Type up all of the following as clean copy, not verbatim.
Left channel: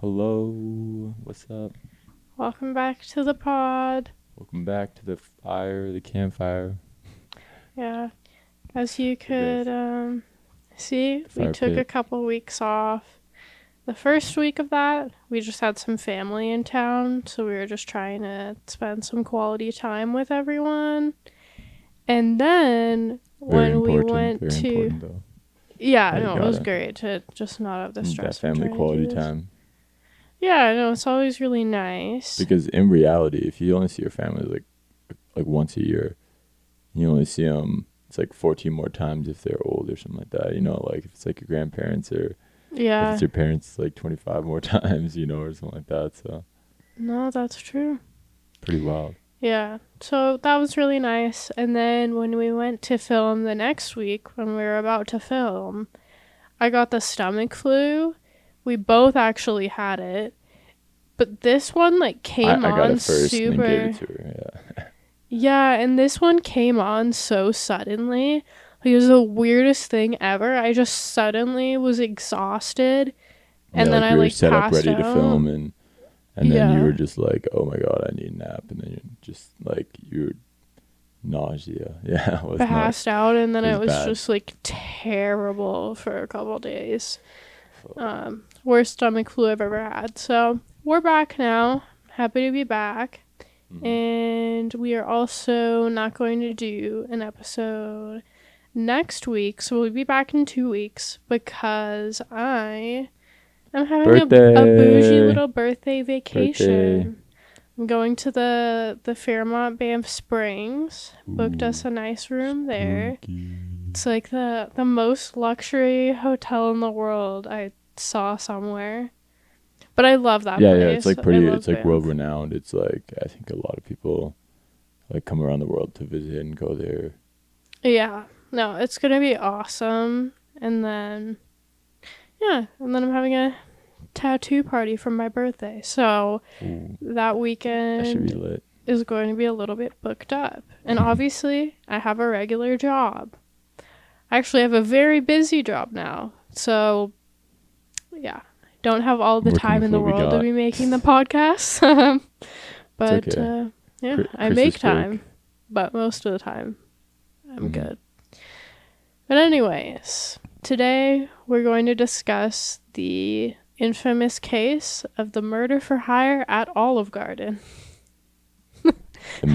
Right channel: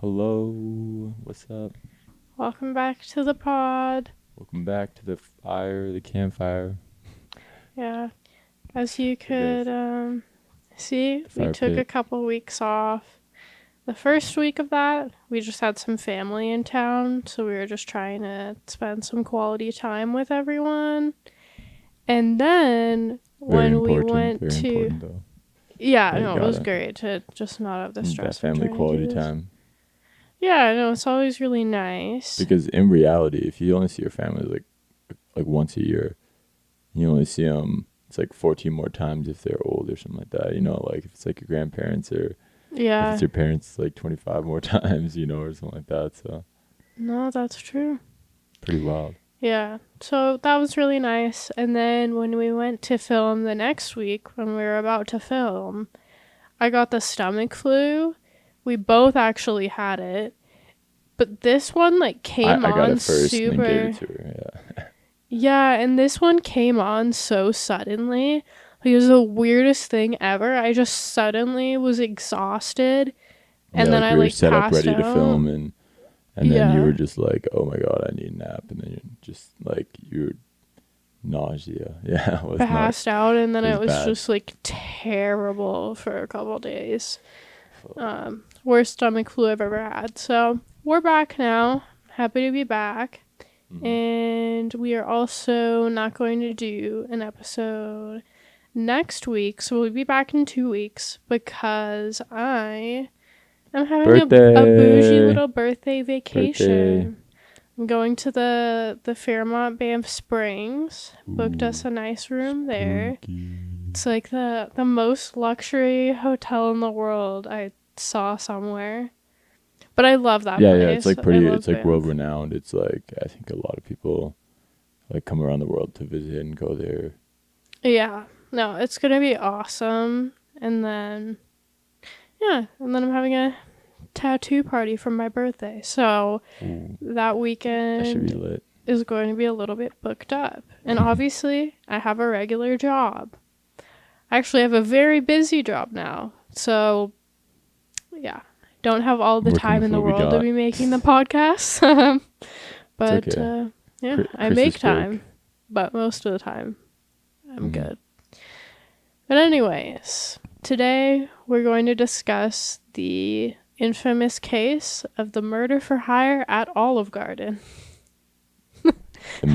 Hello, what's up? Welcome back to the pod. Welcome back to the campfire. Yeah, as you could see, we Fire took a pit. couple weeks off. The first week of that, we just had some family in town, so we were just trying to spend some quality time with everyone. And then when we went very to, important though. yeah, Like, no, it was gotta- great to just not have the stress. That family of trying to quality do this. time. Yeah, no, it's always really nice. Because in reality, if you only see your family like once a year, you only see them. It's like 14 more times if they're old or something like that. You know, like if it's like your grandparents or if Yeah, it's your parents, like 25 more times. You know, or something like that. So no, that's true. pretty wild. Yeah, so that was really nice. And then when we went to film the next week, when we were about to film, I got the stomach flu. We both actually had it. But this one, like, came I got on it first and super... then gave it to her. Yeah. Yeah, and this one came on so suddenly. Like, it was the weirdest thing ever. I just suddenly was exhausted. And Yeah, then like I, we were like, set up passed ready to out. film and then Yeah. you were just like, oh my god, I need a nap, and then you're just like, you're nausea. Yeah, it was Passed out, and then it it was was bad. just like terrible for a couple days. Worst stomach flu I've ever had. So we're back now. Happy to be back. And we are also not going to do an episode next week, so we'll be back in 2 weeks because I am having a bougie little birthday vacation. I'm going to the Fairmont Banff Springs. Booked us a nice room there. It's like the most luxury hotel in the world I saw somewhere. But I love that place. Yeah, it's like pretty. It's like Banff. world renowned. It's like I think a lot of people like come around the world to visit and go there. Yeah, no, it's gonna be awesome. And then I'm having a tattoo party for my birthday. So Ooh, that that should be weekend lit. is going to be a little bit booked up. And obviously, I have a regular job. I actually have a very busy job now. So, yeah, don't have all the Working time with in the what we world to got. be making the podcast. But, It's okay. yeah, I Christmas make break. time. But most of the time, I'm Mhm. good. But anyways, today we're going to discuss the infamous case of the murder for hire at Olive Garden.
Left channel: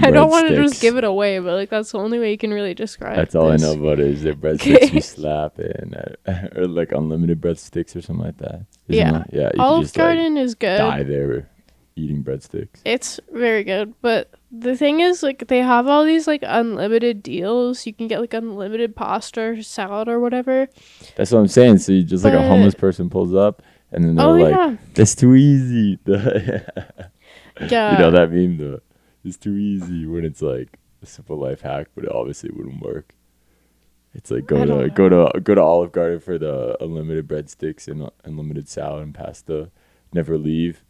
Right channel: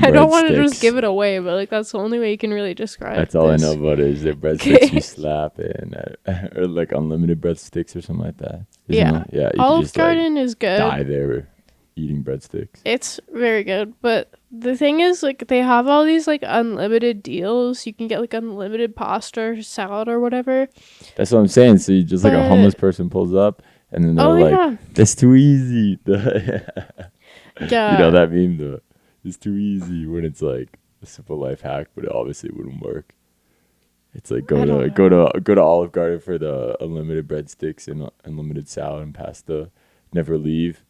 I don't want to just give it away, but like that's the only way you can really describe That's all this. I know about it is that breadsticks you slap and or like unlimited breadsticks or something like that. Yeah. Yeah. You Olive can just Garden is good. die there eating breadsticks. It's very good, but the thing is, like, they have all these like unlimited deals. You can get like unlimited pasta or salad or whatever. That's what I'm saying. So you just like a But- homeless person pulls up and then they're Oh like, yeah, "That's too easy." yeah. You know that meme, though. It's too easy when it's like a simple life hack, but it obviously wouldn't work. It's like I go don't to Olive Garden for the unlimited breadsticks and unlimited salad and pasta. Never leave.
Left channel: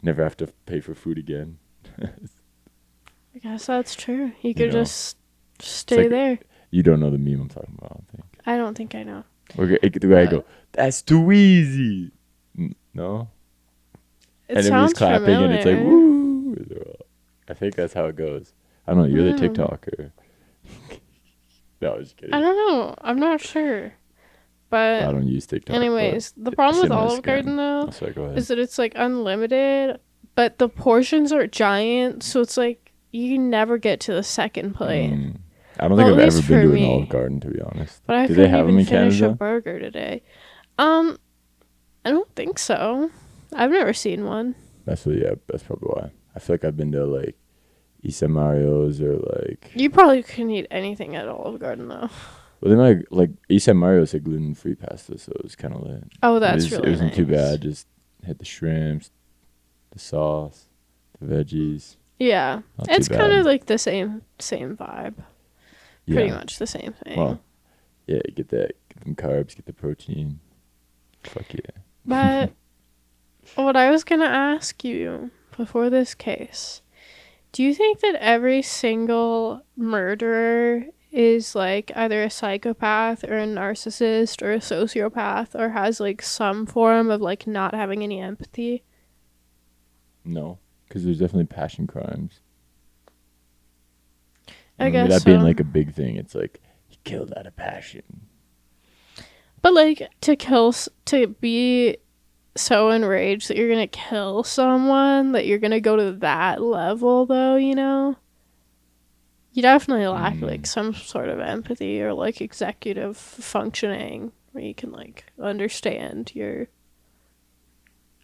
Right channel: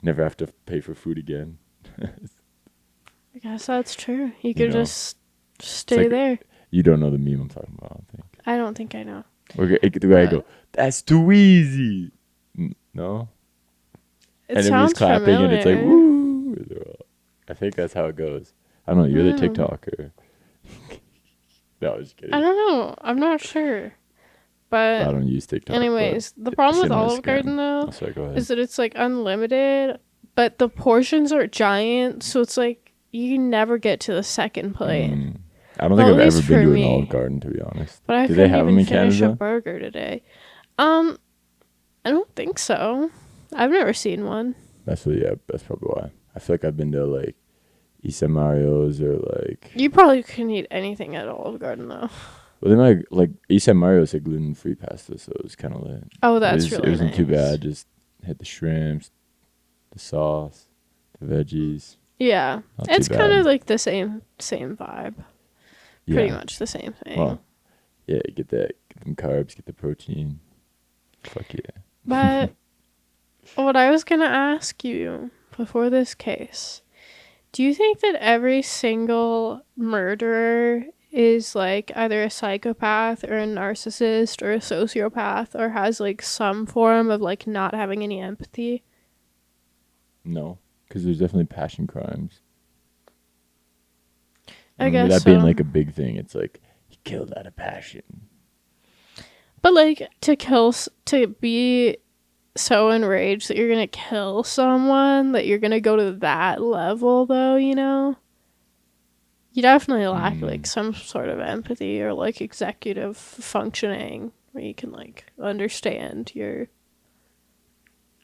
Never have to pay for food again. I guess that's true. You could know, just stay like- there. You don't know the meme I'm talking about, I don't think. I don't think I know. The guy go, "That's too easy." No? It And sounds everybody's clapping familiar. and it's like, woo. I think that's how it goes. I don't know. You're the Mm. TikToker. No, I was just kidding. I don't know. I'm not sure. But I don't use TikTok. anyways, the but problem it's with in my Olive scan. Garden though Sorry, go ahead. is that it's like unlimited, but the portions are giant, so it's like you can never get to the second plate. I don't Well, think at I've ever least been for to an me. Olive Garden, to be honest. But I Do they couldn't have them even in finish a Canada? burger today. I don't think so. I've never seen one. That's probably why. I feel like I've been to like Isa Mario's or like. You probably couldn't eat anything at Olive Garden though. Well, they might like Isa Mario's like gluten-free pasta, so it was kind of lit. Oh, that's it really wasn't too nice. bad. Just had the shrimps, the sauce, the veggies. Yeah, Not too it's kind bad. of like the same vibe. Yeah. Pretty much the same thing. Well, yeah, get them carbs, get the protein. Fuck yeah. But what I was gonna ask you before this case, do you think that every single murderer is like either a psychopath or a narcissist or a sociopath or has like some form of like not having any empathy? No, because there's definitely passion crimes. I guess that so. being like a big thing, it's like he killed out of passion. But like to be so enraged that you're gonna kill someone, that you're gonna go to that level, though, you know, you definitely lack like some sort of empathy or like executive functioning where you can like understand your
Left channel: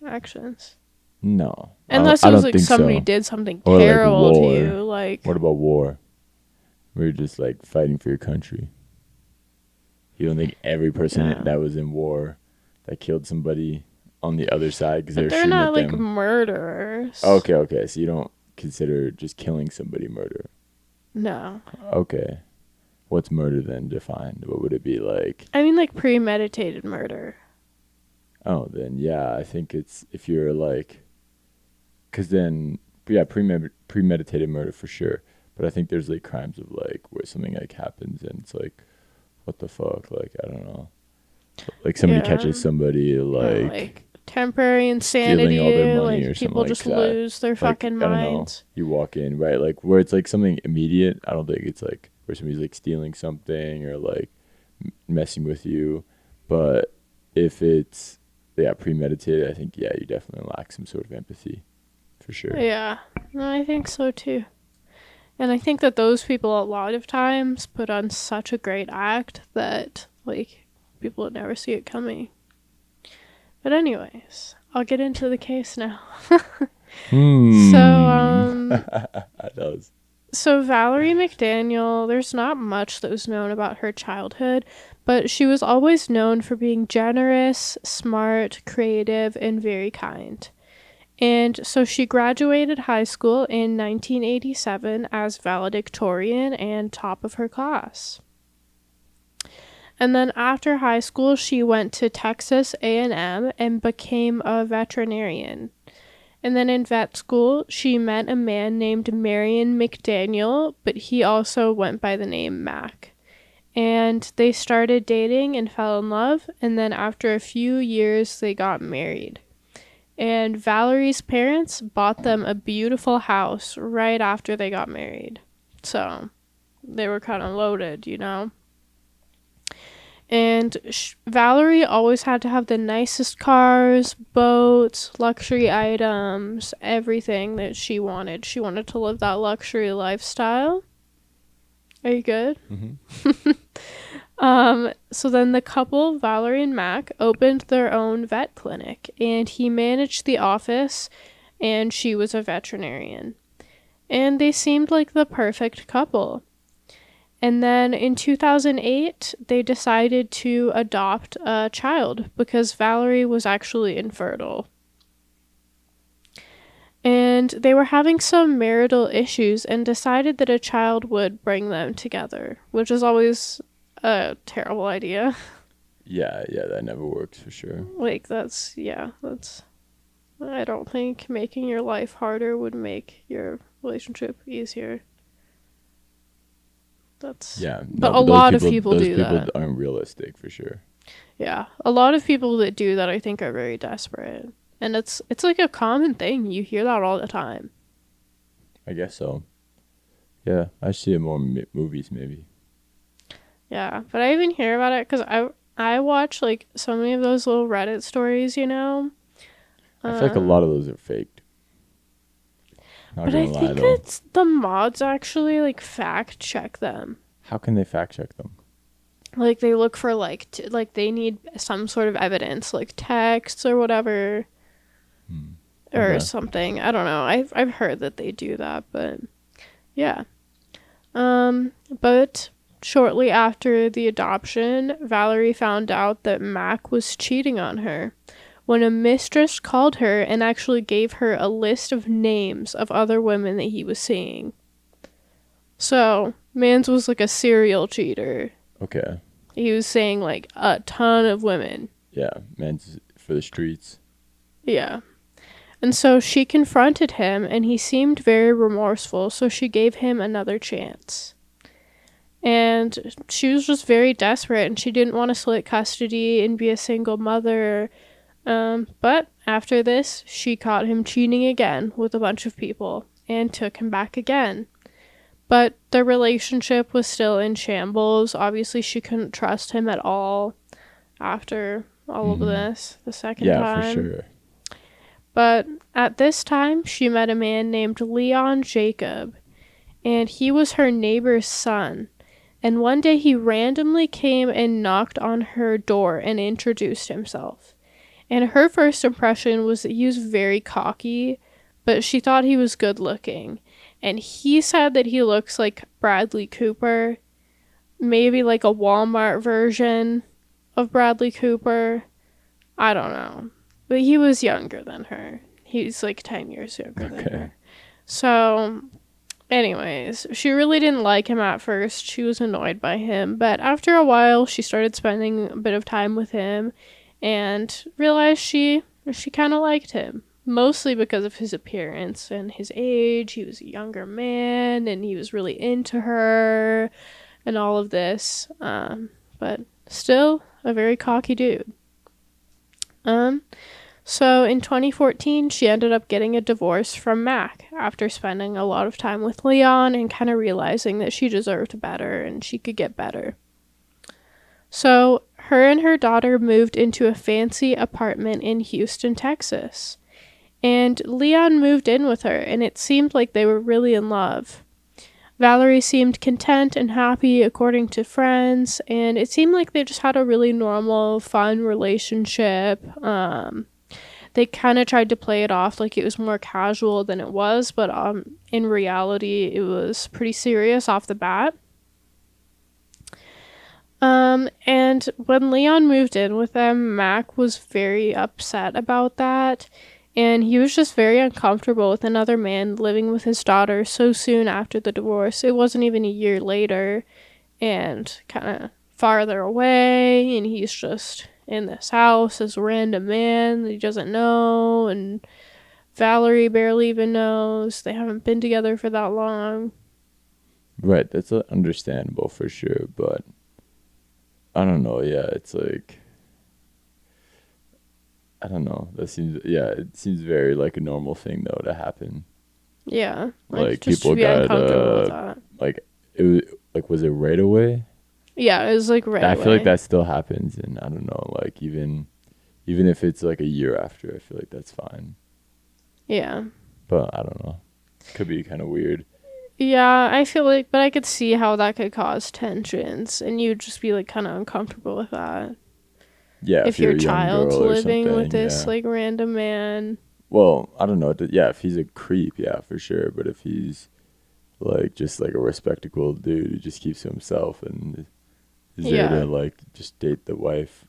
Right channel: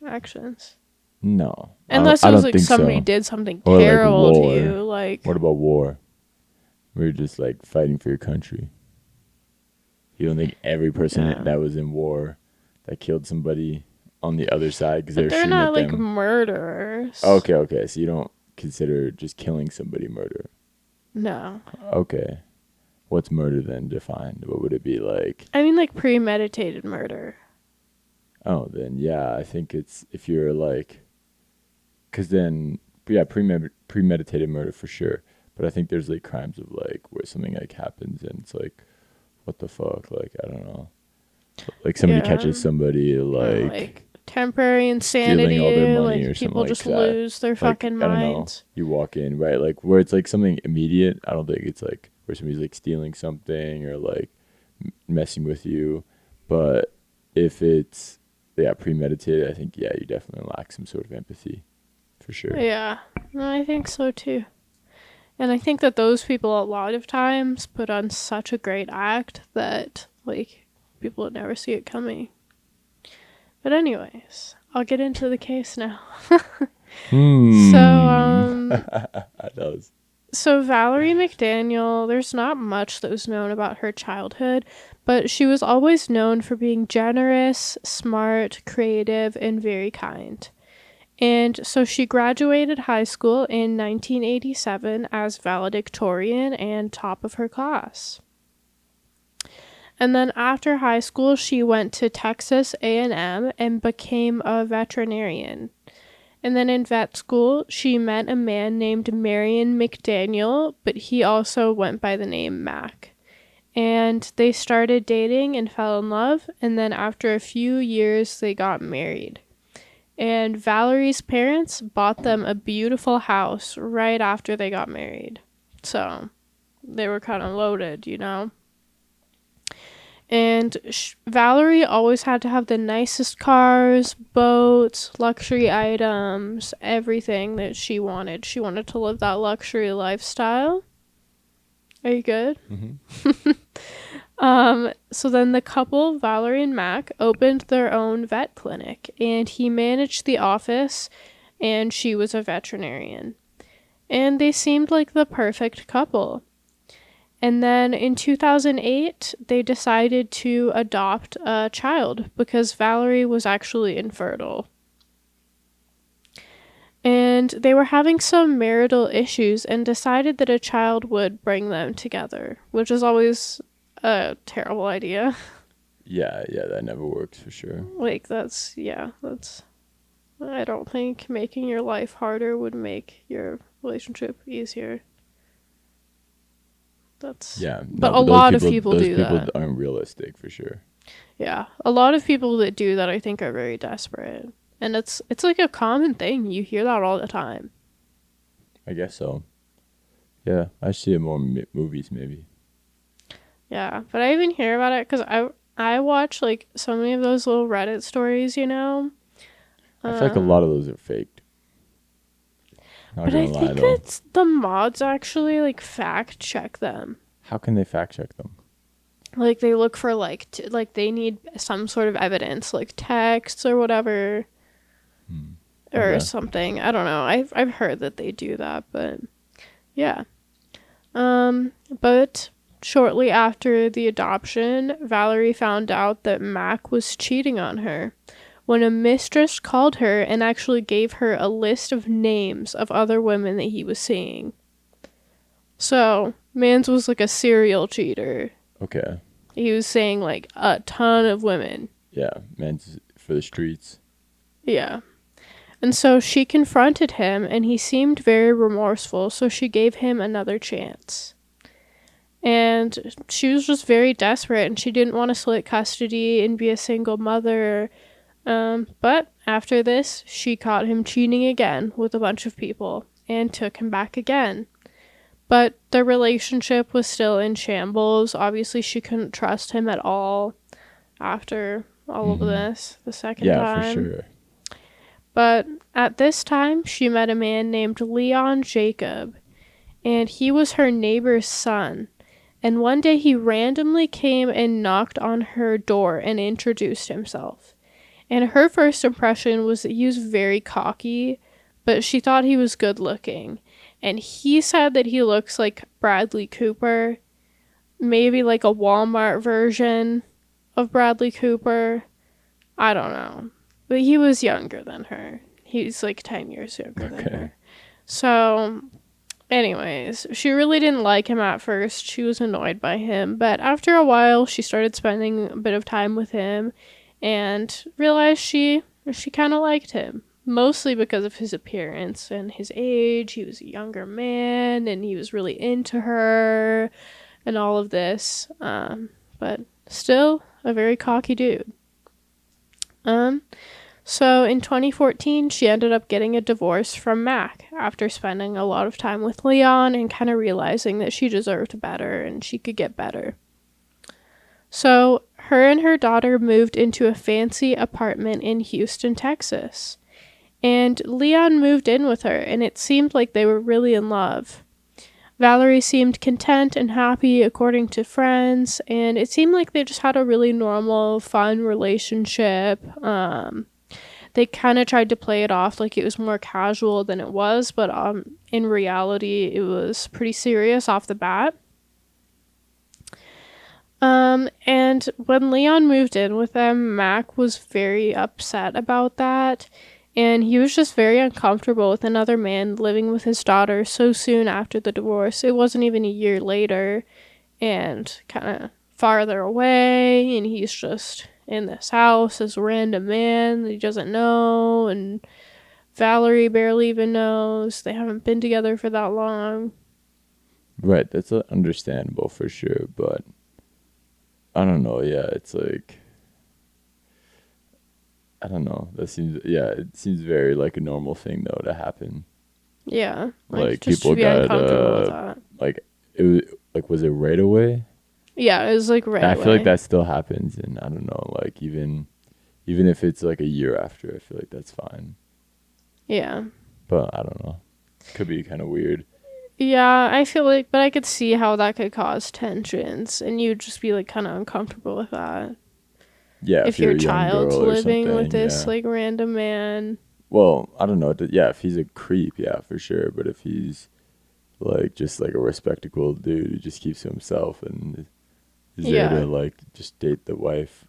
actions. No, Unless I it was don't like think somebody so. did something Or terrible like to war. you, like What about war? We're just like fighting for your country. You don't think every person that was in war that killed somebody on the other side because but they're they're shooting not at like them? murderers. Okay. So you don't consider just killing somebody murder? No. Okay. What's murder then defined? What would it be like? I mean like premeditated murder. Oh, then yeah, I think it's if you're like, because then yeah, premeditated murder for sure. But I think there's like crimes of like where something like happens and it's like, what the fuck? Like I don't know. Like somebody catches somebody like temporary stealing insanity, all their money like or people something just like that. lose their Like, fucking I don't know. minds. You walk in, right? Like where it's like something immediate. I don't think it's like where somebody's like stealing something or like messing with you. But if it's premeditated, I think you definitely lack some sort of empathy, for sure. Yeah, no, I think so too. And I think that those people a lot of times put on such a great act that like people would never see it coming. But anyways, I'll get into the case now. That does. So Valerie McDaniel, there's not much that was known about her childhood, but she was always known for being generous, smart, creative, and very kind. And so she graduated high school in 1987 as valedictorian and top of her class. And then after high school, she went to Texas A&M and became a veterinarian. And then in vet school, she met a man named Marion McDaniel, but he also went by the name Mac. And they started dating and fell in love, and then after a few years, they got married. And Valerie's parents bought them a beautiful house right after they got married. So they were kind of loaded, you know? And Valerie always had to have the nicest cars, boats, luxury items, everything that she wanted. She wanted to live that luxury lifestyle. Are you good? Mm-hmm. So then the couple, Valerie and Mac, opened their own vet clinic, and he managed the office, and she was a veterinarian. And they seemed like the perfect couple. And then in 2008, they decided to adopt a child because Valerie was actually infertile. And they were having some marital issues and decided that a child would bring them together, which is always a terrible idea. Yeah, that never works for sure. Like, I don't think making your life harder would make your relationship easier. But a lot of people do that. Those people aren't realistic for sure. Yeah, a lot of people that do that I think are very desperate. And it's like a common thing. You hear that all the time. I guess so. Yeah, I see it more in movies maybe. Yeah, but I even hear about it because I watch like so many of those little Reddit stories, you know. I feel like a lot of those are faked. But I think it's the mods actually like fact check them. How can they fact check them? Like they look for like they need some sort of evidence, like texts or whatever, or something. I don't know. I've heard that they do that, but yeah. But shortly after the adoption, Valerie found out that Mac was cheating on her when a mistress called her and actually gave her a list of names of other women that he was seeing. So, Mans was like a serial cheater. Okay. He was saying like a ton of women. Yeah, Mans for the streets. Yeah. And so she confronted him and he seemed very remorseful, so she gave him another chance. And she was just very desperate and she didn't want to split custody and be a single mother. But After this, she caught him cheating again with a bunch of people and took him back again. But the relationship was still in shambles. Obviously, she couldn't trust him at all after all of this the second time. Yeah, for sure. But at this time, she met a man named Leon Jacob, and he was her neighbor's son. And one day he randomly came and knocked on her door and introduced himself. And her first impression was that he was very cocky, but she thought he was good looking. And he said that he looks like Bradley Cooper, maybe like a Walmart version of Bradley Cooper. I don't know. But he was younger than her. He's like 10 years younger than her. So, anyways, she really didn't like him at first. She was annoyed by him. But after a while, she started spending a bit of time with him and realized she kind of liked him. Mostly because of his appearance and his age. He was a younger man and he was really into her and all of this. But still a very cocky dude. So in 2014, she ended up getting a divorce from Mac after spending a lot of time with Leon and kind of realizing that she deserved better and she could get better. So her and her daughter moved into a fancy apartment in Houston, Texas. And Leon moved in with her, and it seemed like they were really in love. Valerie seemed content and happy according to friends, and it seemed like they just had a really normal, fun relationship. They kind of tried to play it off like it was more casual than it was, but in reality, it was pretty serious off the bat. And when Leon moved in with them, Mac was very upset about that. And he was just very uncomfortable with another man living with his daughter so soon after the divorce. It wasn't even a year later and kind of farther away. And he's just in this house as a random man that he doesn't know. And Valerie barely even knows. They haven't been together for that long. Right, that's understandable for sure. But I don't know. Yeah, it's like... I don't know. It seems very like a normal thing though to happen. Yeah, like just people to be uncomfortable with that. Like it was like, was it right away? Yeah, it was like right away. I feel like that still happens, and I don't know. Like even if it's like a year after, I feel like that's fine. Yeah. But I don't know. Could be kind of weird. Yeah, I feel like, but I could see how that could cause tensions, and you'd just be like kind of uncomfortable with that. Yeah, if your child's living with this like random man. Well, I don't know. Yeah, if he's a creep, yeah, for sure. But if he's like just like a respectable dude who just keeps to himself and is there to like just date the wife,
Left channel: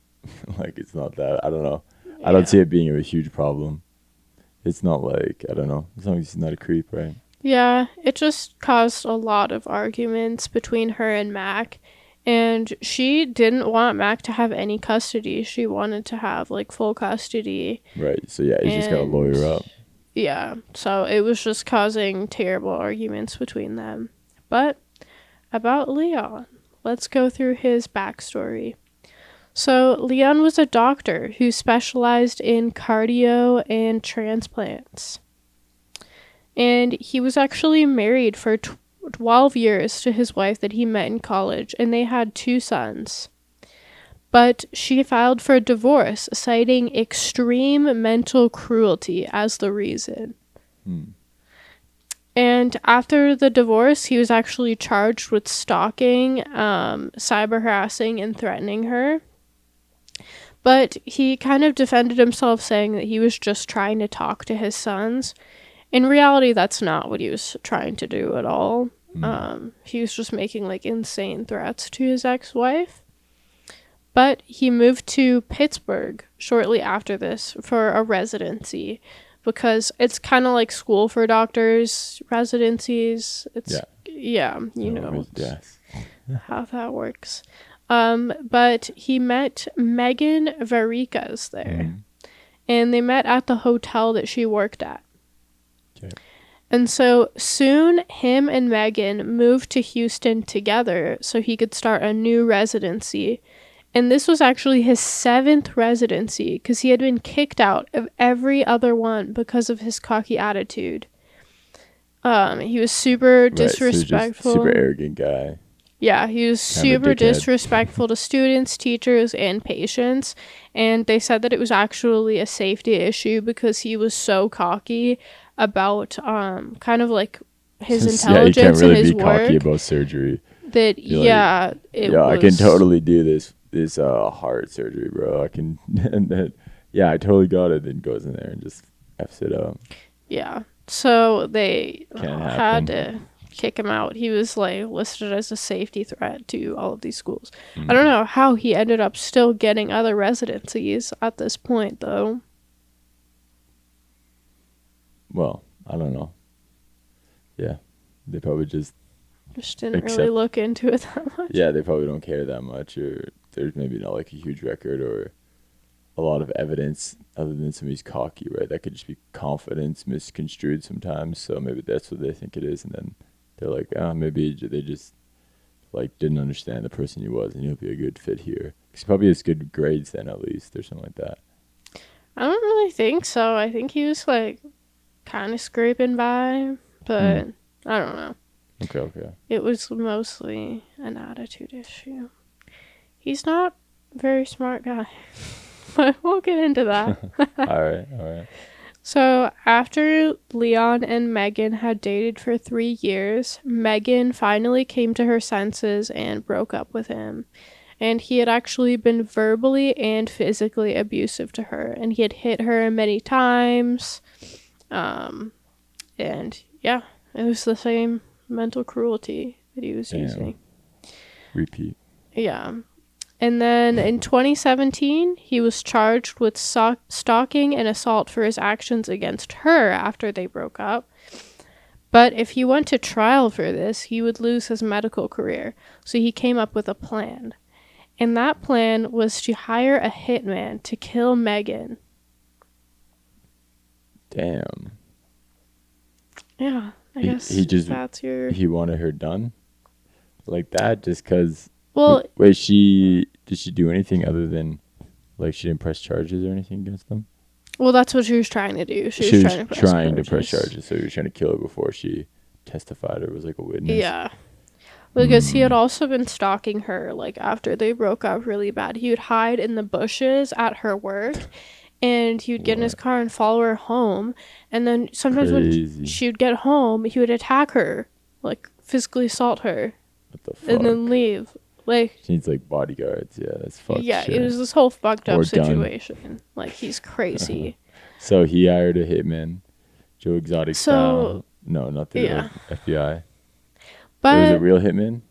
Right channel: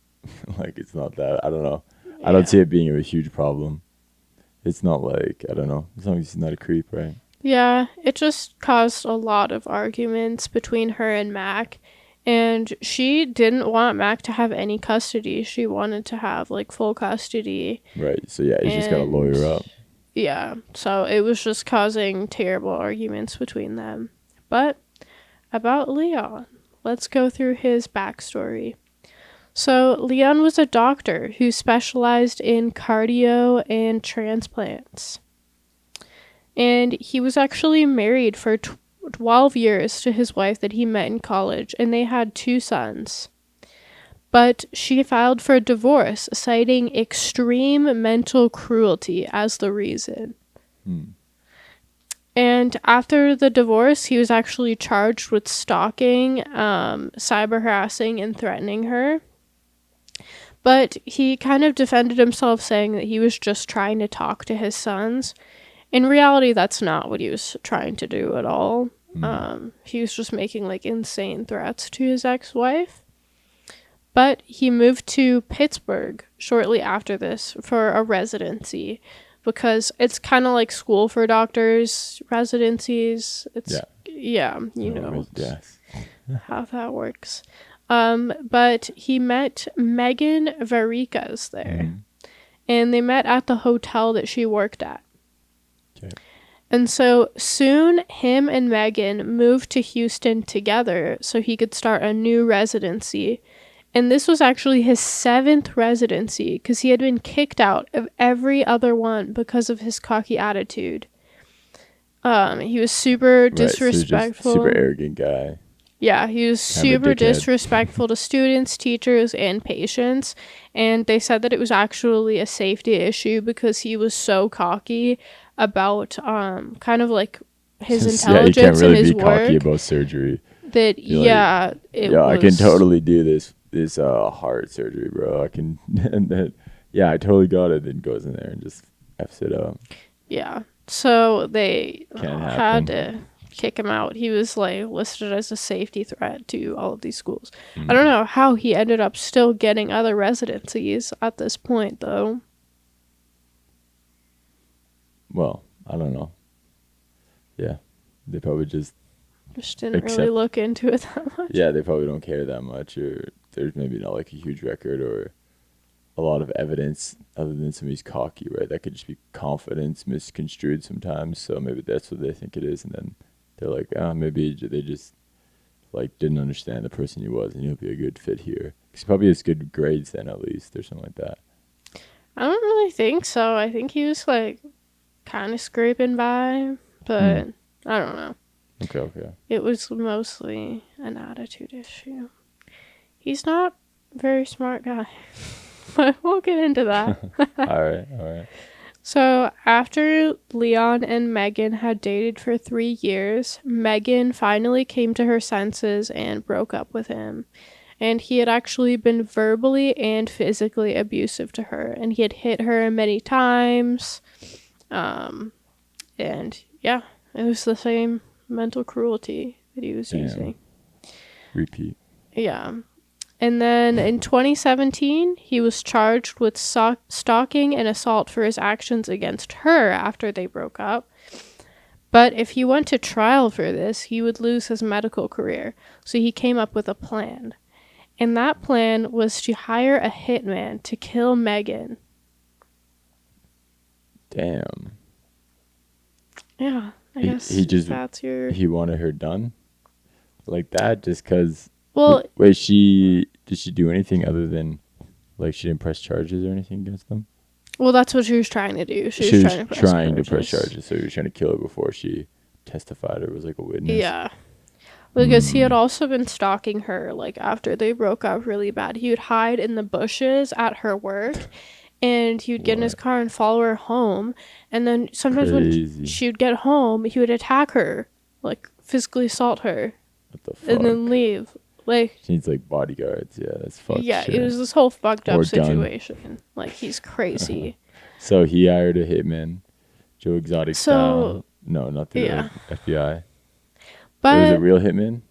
like it's not that. I don't know. I don't see it being a huge problem. It's not like, I don't know, as long as he's not a creep, right? Yeah, it just caused a lot of arguments between her and Mac. And she didn't want Mac to have any custody. She wanted to have, like, full custody. Right. So, yeah, he's just got to lawyer up. Yeah. So, it was just causing terrible arguments between them. But about Leon, let's go through his backstory. So, Leon was a doctor who specialized in cardio and transplants. And he was actually married for 12 years to his wife that he met in college, and they had 2 sons. But she filed for divorce, citing extreme mental cruelty as the reason. And after the divorce, he was actually charged with stalking, cyber harassing, and threatening her. But he kind of defended himself, saying that he was just trying to talk to his sons. In reality, that's not what he was trying to do at all. He was just making like insane threats to his ex-wife. But he moved to Pittsburgh shortly after this for a residency, because it's kind of like school for doctors, residencies. It's you know how that works. But he met Megan Varikas there, and they met at the hotel that she worked at. Okay. And so soon, him and Megan moved to Houston together so he could start a new residency. And this was actually his 7th residency because he had been kicked out of every other one because of his cocky attitude. He was super disrespectful. So super arrogant guy. Yeah, he was super disrespectful to students, teachers, and patients. And they said that it was actually a safety issue because he was so cocky about kind of like his intelligence you can't really and his be work. Cocky about surgery. That I can totally do this heart surgery, bro. I can, and then I totally got it. Then goes in there and just f's it up. Yeah, so they had to kick him out. He was like listed as a safety threat to all of these schools. I don't know how he ended up still getting other residencies at this point, though. Well, I don't know. Yeah, they probably just didn't really look into it that much. Yeah, they probably don't care that much, or there's maybe not like a huge record or a lot of evidence other than somebody's cocky, right? That could just be confidence misconstrued sometimes. So maybe that's what they think it is, and then they're like, maybe they just like didn't understand the person he was, and he'll be a good fit here. He probably has good grades then, at least, or something like that. I don't really think so. I think he was like kind of scraping by, but I don't know. Okay. It was mostly an attitude issue. He's not a very smart guy, but we'll get into that. All right. So after Leon and Megan had dated for 3 years, Megan finally came to her senses and broke up with him. And he had actually been verbally and physically abusive to her, and he had hit her many times. And yeah, it was the same mental cruelty that he was using. Repeat. Yeah. And then in 2017, he was charged with stalking and assault for his actions against her after they broke up. But if he went to trial for this, he would lose his medical career. So he came up with a plan. And that plan was to hire a hitman to kill Megan. Damn. Yeah, I guess that's your... He wanted her done? Like that just because... Well... Wait, did she do anything other than... Like, she didn't press charges or anything against them? Well, that's what she was trying to do. She was trying to press charges. So he was trying to kill her before she testified or was like a witness? Yeah. Because he had also been stalking her, like, after they broke up really bad. He would hide in the bushes at her work, and he would get in his car and follow her home. And then sometimes when she would get home, he would attack her, like, physically assault her. What the fuck? And then leave. Like, she needs, like, bodyguards. Yeah, that's fucked. Yeah, shit. It was this whole fucked up situation. Like, he's crazy. So he hired a hitman, Joe Exotic style. No, not the FBI. But was it a real hitman?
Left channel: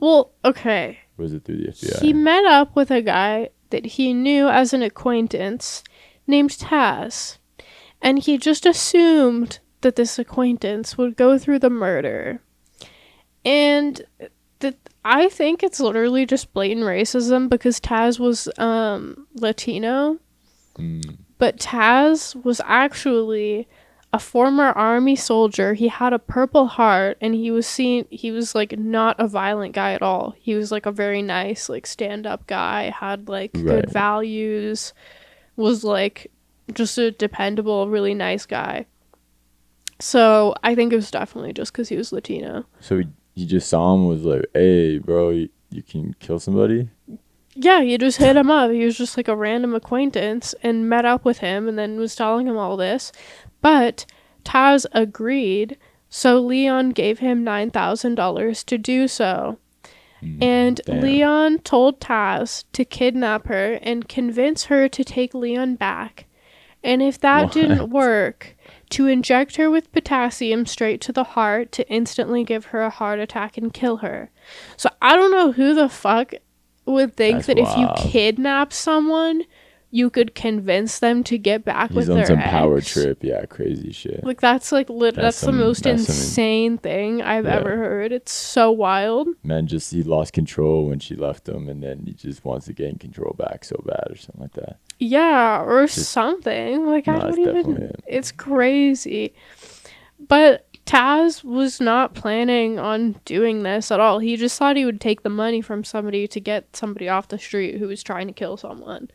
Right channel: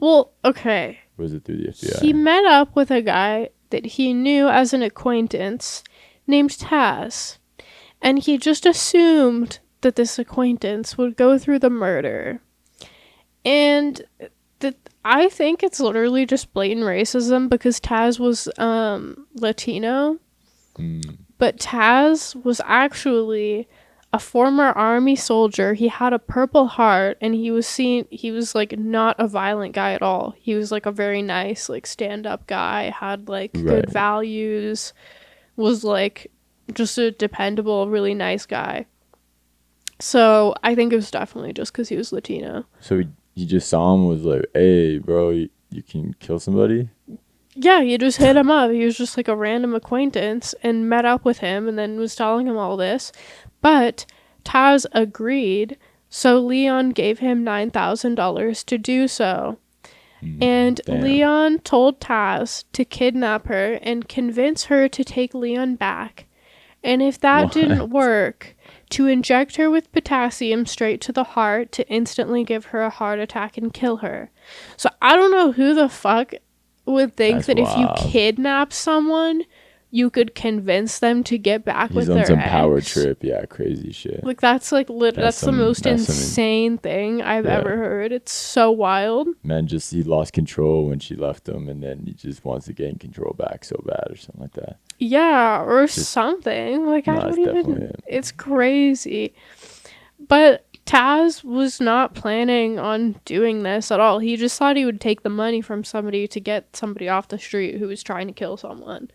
Well, okay. Or was it through the FBI? He met up with a guy that he knew as an acquaintance named Taz. And he just assumed that this acquaintance would go through the murder. And I think it's literally just blatant racism because Taz was Latino. But Taz was actually a former army soldier. He had a Purple Heart, and he was like not a violent guy at all. He was like a very nice, like, stand-up guy, had like good values, was like just a dependable, really nice guy. So I think it was definitely just because he was Latino. So he just saw him, was like, hey bro, you can kill somebody? Yeah, you just hit him up. He was just like a random acquaintance and met up with him and then was telling him all this. But Taz agreed, so Leon gave him $9,000 to do so. And damn. Leon told Taz to kidnap her and convince her to take Leon back. And if that didn't work, to inject her with potassium straight to the heart to instantly give her a heart attack and kill her. So I don't know who the fuck would think that if you kidnap someone, you could convince them to get back with their ex. He's on some power trip. Yeah, crazy shit. Like, that's like that's the most insane thing I've ever heard. It's so wild. Man, he lost control when she left him, and then he just wants to gain control back so bad or something like that. Yeah, or something. Like, I don't even... It's crazy. But Taz was not planning on doing this at all. He just thought he would take the money from somebody to get somebody off the street who was trying to kill someone.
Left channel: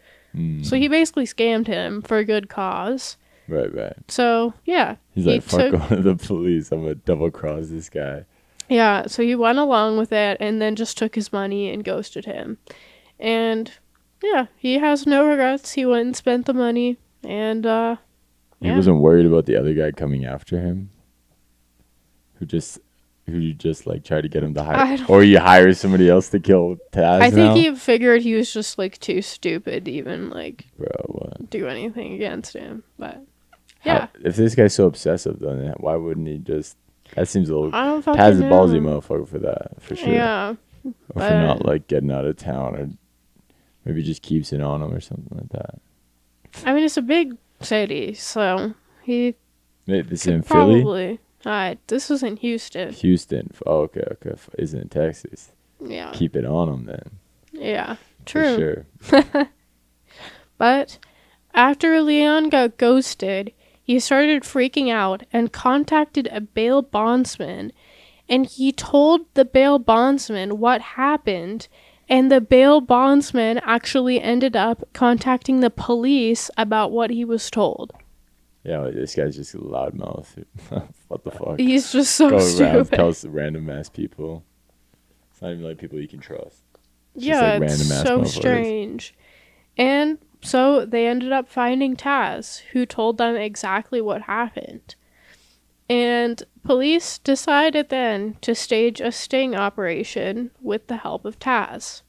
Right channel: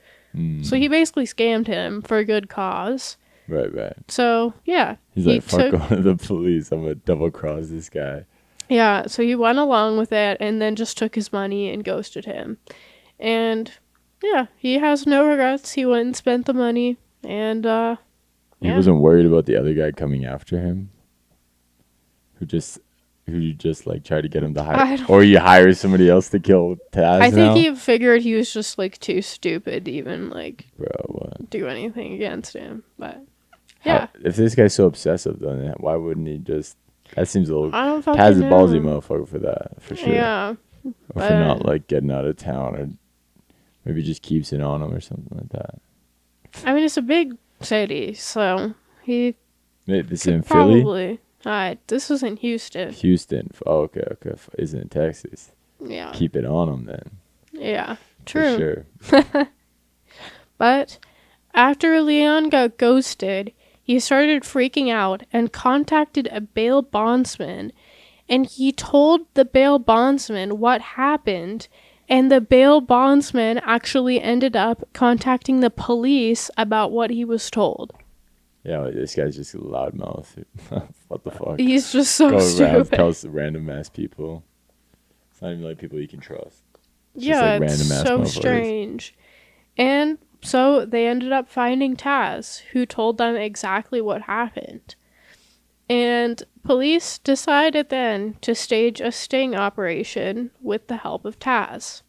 So he basically scammed him for a good cause. Right. So, yeah. He's like, fuck going to the police. I'm going to double cross this guy. Yeah, so he went along with it and then just took his money and ghosted him. And, yeah, he has no regrets. He went and spent the money. And, He wasn't worried about the other guy coming after him? Who just like tried to get him to hire, or he hires somebody else to kill Taz. I think he figured he was just like too stupid to even like do anything against him. But yeah, if this guy's so obsessive, then why wouldn't he just? That seems a little. I don't Taz is a know. ballsy motherfucker for that, for sure. Yeah, or for not like getting out of town, or maybe just keeps it on him or something like that. I mean, it's a big city, so he. This is in Philly. Probably. This was in Houston. Oh, okay. Isn't it Texas? Yeah. Keep it on them then. Yeah, true. For sure. But after Leon got ghosted, he started freaking out and contacted a bail bondsman. And he told the bail bondsman what happened. And the bail bondsman actually ended up contacting the police about what he was told. Yeah, like, this guy's just a loudmouth. What the fuck? He's just so stupid. Tells random ass people. It's not even like people you can trust. It's it's so strange. And so they ended up finding Taz, who told them exactly what happened. And police decided then to stage a sting operation with the help of Taz.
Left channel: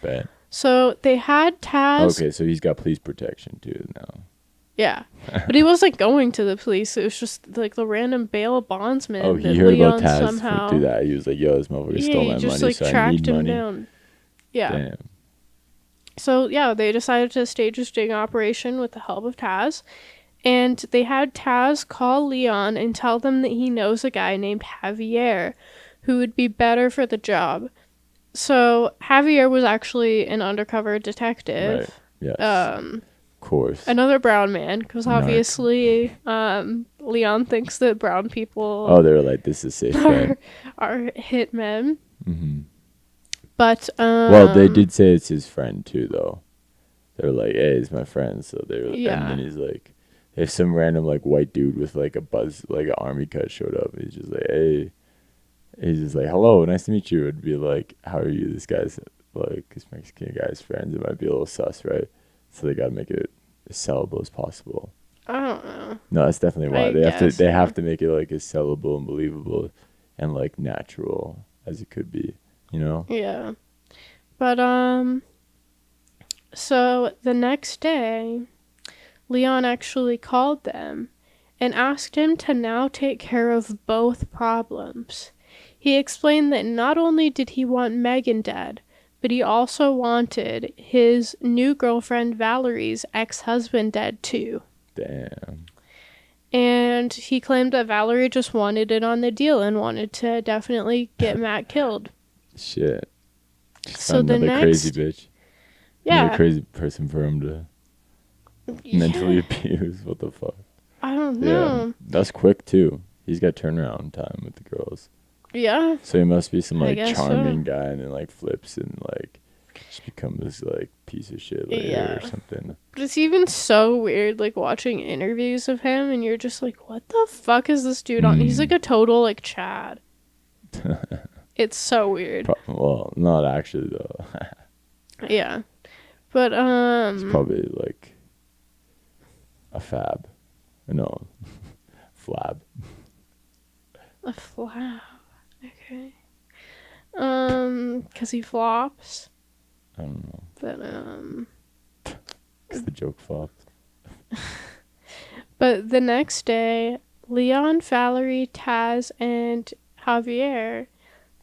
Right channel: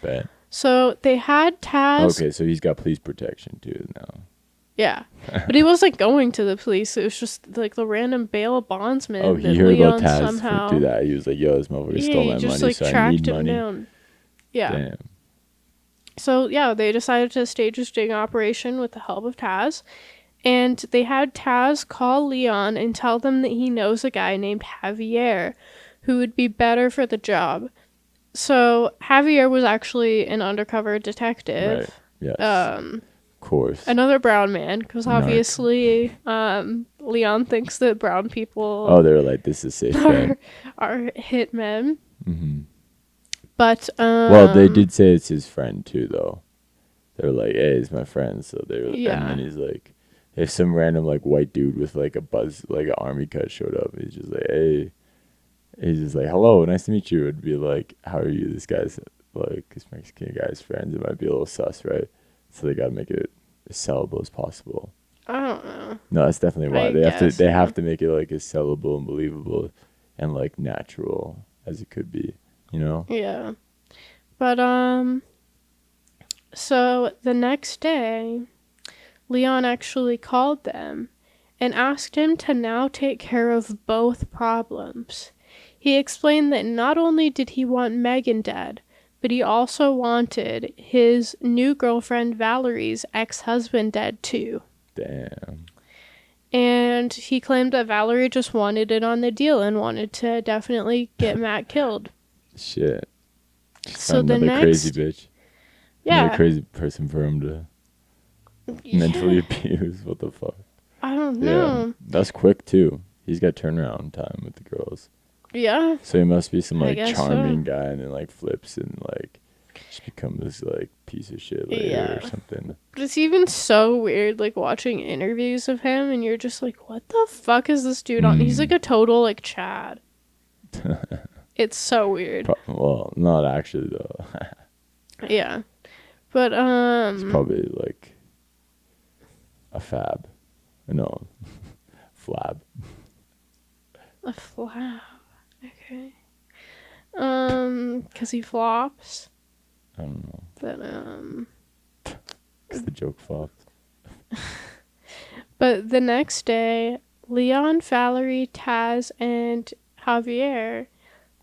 Bet. So they had Taz. Okay, so he's got police protection too now. Yeah, but he wasn't going to the police. It was just like the random bail bondsman. Oh, he heard about Taz somehow do that. He was like, "Yo, this motherfucker stole my money, like, so I need money." Down. Yeah. Damn. So yeah, they decided to stage a sting operation with the help of Taz, and they had Taz call Leon and tell them that he knows a guy named Javier, who would be better for the job. So Javier was actually an undercover detective. Right. Yes. Course. Another brown man, because obviously Leon thinks that brown people they were like, this is safe are hitmen. Mm-hmm. But well, they did say it's his friend too, though. They were like, hey, it's my friend. So they were and then he's like, if some random like white dude with like a buzz, like an army cut showed up, he's just like, hey, he's just like, hello, nice to meet you. It'd be like, how are you? This guy's like, this Mexican guy's friends. It might be a little sus, right? So they gotta make it as sellable as possible. I don't know. No, that's definitely why they have to make it like as sellable and believable and like natural as it could be, you know? Yeah. But so the next day, Leon actually called them and asked him to now take care of both problems. He explained that not only did he want Megan dead, but he also wanted his new girlfriend Valerie's ex-husband dead too. Damn. And he claimed that Valerie just wanted it on the deal and wanted to definitely get Matt killed. Shit. So the next crazy bitch. Yeah. Another crazy person for him to mentally abuse. What the fuck? I don't know. Yeah. That's quick too. He's got turnaround time with the girls. Yeah. So he must be some like charming guy and then like flips and like just becomes this like piece of shit later or something. But it's even so weird like watching interviews of him and you're just like, what the fuck is this dude on? He's like a total like Chad. It's so weird. Well, not actually though. Yeah. But it's probably like a fab. No. Flab. A flab. Okay. 'Cause he flops. I don't know. But 'cause the joke flopped. But the next day, Leon, Valerie, Taz, and Javier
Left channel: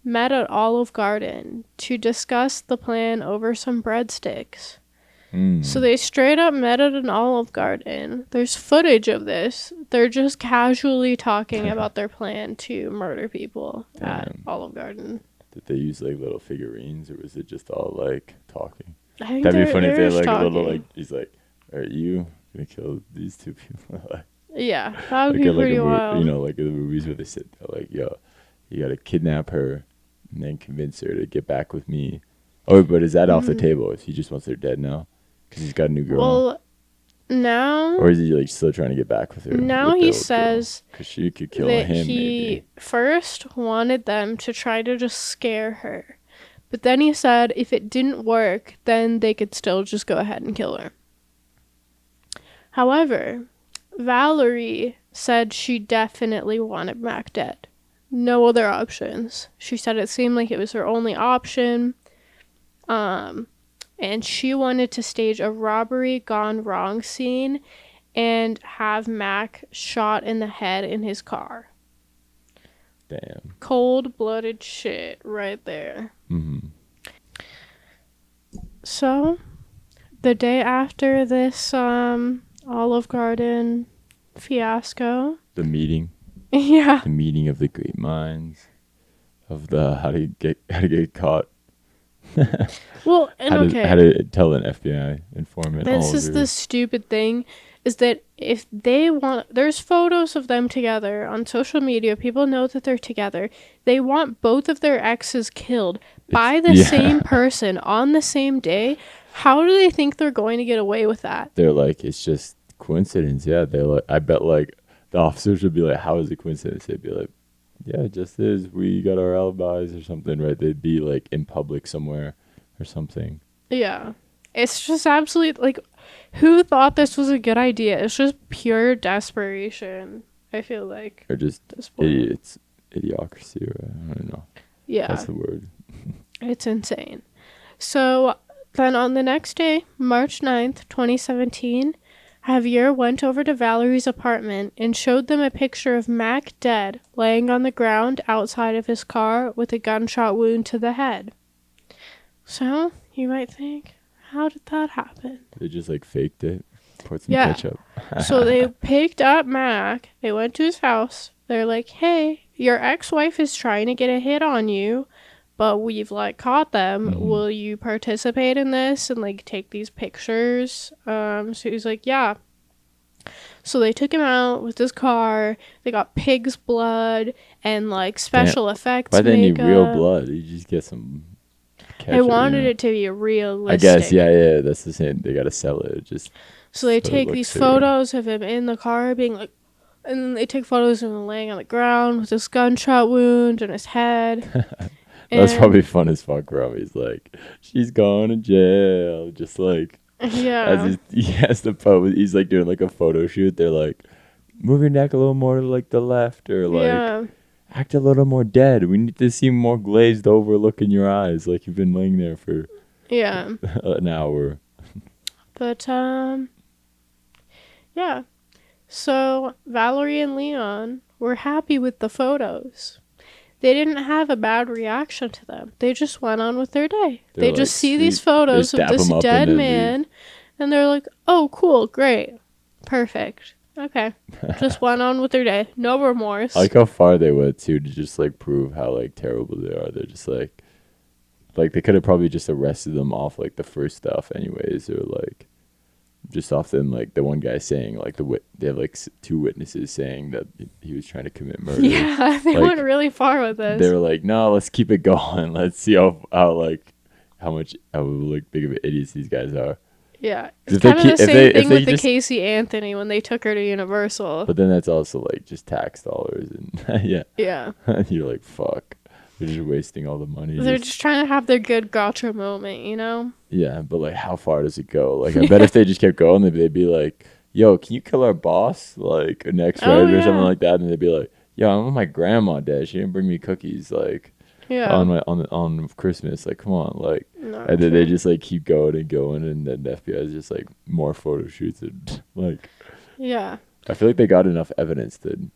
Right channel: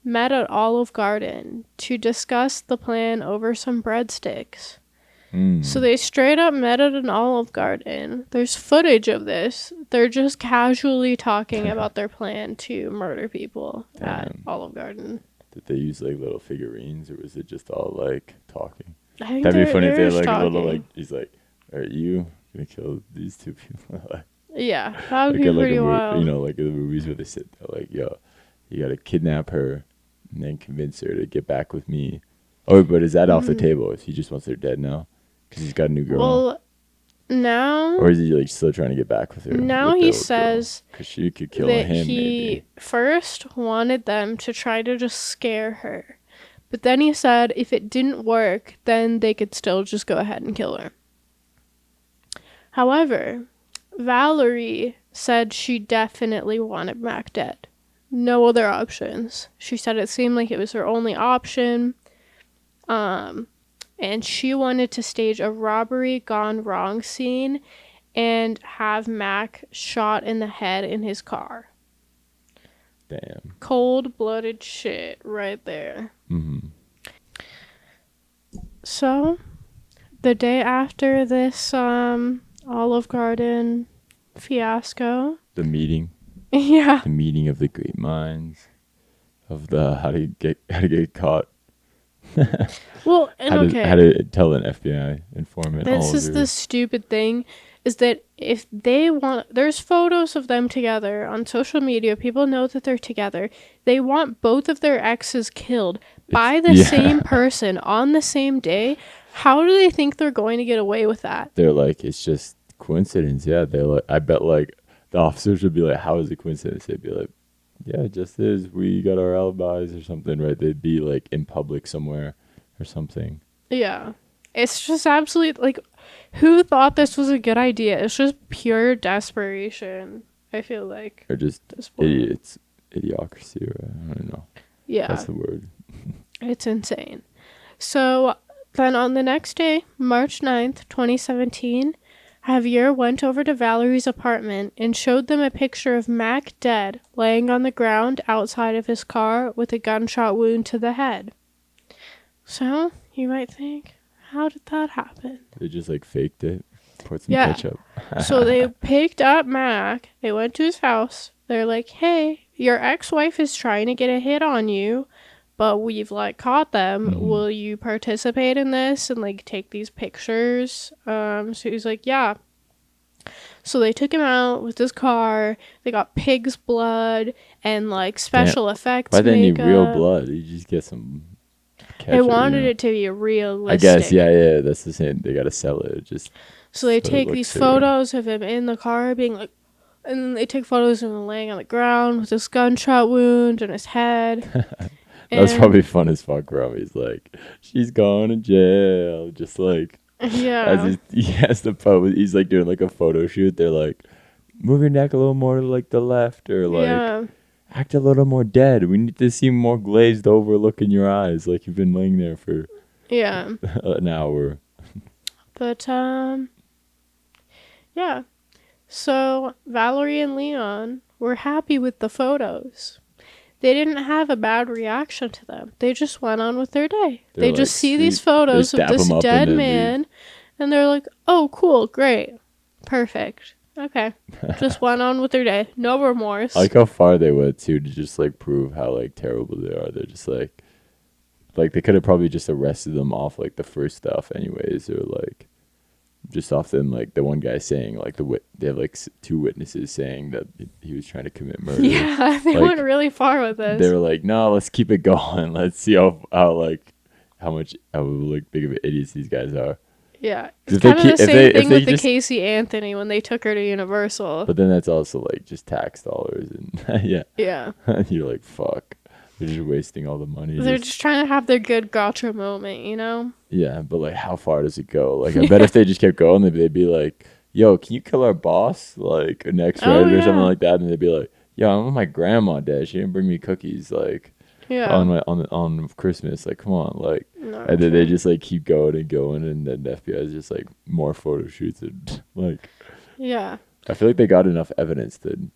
met at Olive Garden to discuss the plan over some breadsticks. So they straight up met at an Olive Garden. There's footage of this. They're just casually talking about their plan to murder people at Olive Garden. Did they use like little figurines or was it just all like talking? I think that'd be funny if they like talking. a little like he's like, are you gonna kill these two people? Yeah, that would Like be in like pretty wild. you know, like in the movies where they sit there, like, yo, you gotta kidnap her and then convince her to get back with me. Oh, but is that off the table? If he just wants her dead now, because he's got a new girl, Well, now or is he like still trying to get back with her? now with the he old girl? says 'Cause she could kill that him. he Maybe first wanted them to try to just scare her. But then he said if it didn't work, then they could still just go ahead and kill her. However, Valerie said she definitely wanted Mac dead. No other options. She said it seemed like it was her only option. And she wanted to stage a robbery gone wrong scene and have Mac shot in the head in his car. damn. Cold-blooded shit right there. Mm-hmm. So, the day after this Olive Garden fiasco. The meeting. Yeah. The meeting of the great minds of the how to get caught. Well, and how to tell an FBI informant. This is the stupid thing, is that if they want, there's photos of them together on social media. People know that they're together. They want both of their exes killed by the same person on the same day. How do they think they're going to get away with that? They're like, it's just coincidence. Yeah, they're like, I bet like the officers would be like, how is it coincidence? They'd be like, yeah, it just is. We got our alibis or something, right? They'd be like in public somewhere or something. Yeah. It's just absolute, like, who thought this was a good idea? It's just pure desperation, I feel like. Or just idiots. Idiocracy, right? I don't know. Yeah. That's the word. It's insane. So then on the next day, March 9th, 2017, Javier went over to Valerie's apartment and showed them a picture of Mac dead, laying on the ground outside of his car with a gunshot wound to the head. So, you might think, how did that happen? They just like faked it, poured some ketchup. So they picked up Mac, they went to his house, they're like, hey, your ex-wife is trying to get a hit on you, but we've like caught them. Mm-hmm. Will you participate in this and like take these pictures? So he's like, yeah. So they took him out with his car. They got pig's blood and like special effects. Why they need real blood? You just get some ketchup. They wanted it to be realistic. I guess, yeah. That's the same. They gotta sell it. So they take these photos of him in the car being like, and then they take photos of him laying on the ground with this gunshot wound in his head. That's probably fun as fuck, bro. He's like, she's going to jail. Just like, yeah. He has the pose. He's like doing like a photo shoot. They're like, move your neck a little more to like the left, or like, act a little more dead. We need to see more glazed over look in your eyes, like you've been laying there for an hour. But yeah. So Valerie and Leon were happy with the photos. They didn't have a bad reaction to them. They just went on with their day. They like, just see these photos of this dead man, and they're like, oh, cool, great, perfect. Okay. Just went on with their day. No remorse. I like how far they went, too, to just, like, prove how, like, terrible they are. They're just, like they could have probably just arrested them off, like, the first stuff anyways, or, like, just off them, like, the one guy saying, like, they have, like, two witnesses saying that he was trying to commit murder. Yeah, they went really far with this. They were like, no, let's keep it going. Let's see how big of idiots these guys are. Yeah, it's kind of the same thing with the Casey Anthony when they took her to Universal. But then that's also, like, just tax dollars. And yeah. You're like, fuck. They're just wasting all the money. They're just trying to have their good gotcha moment, you know? Yeah, but, like, how far does it go? Like, I bet if they just kept going, they'd be like, yo, can you kill our boss? Like, next Friday or something like that. And they'd be like, yo, I'm with my grandma dead. She didn't bring me cookies, like, on Christmas. Like, come on, like. And then they just, like, keep going, and then the FBI is just, like, more photo shoots and, like. Yeah. I feel like they got enough evidence to,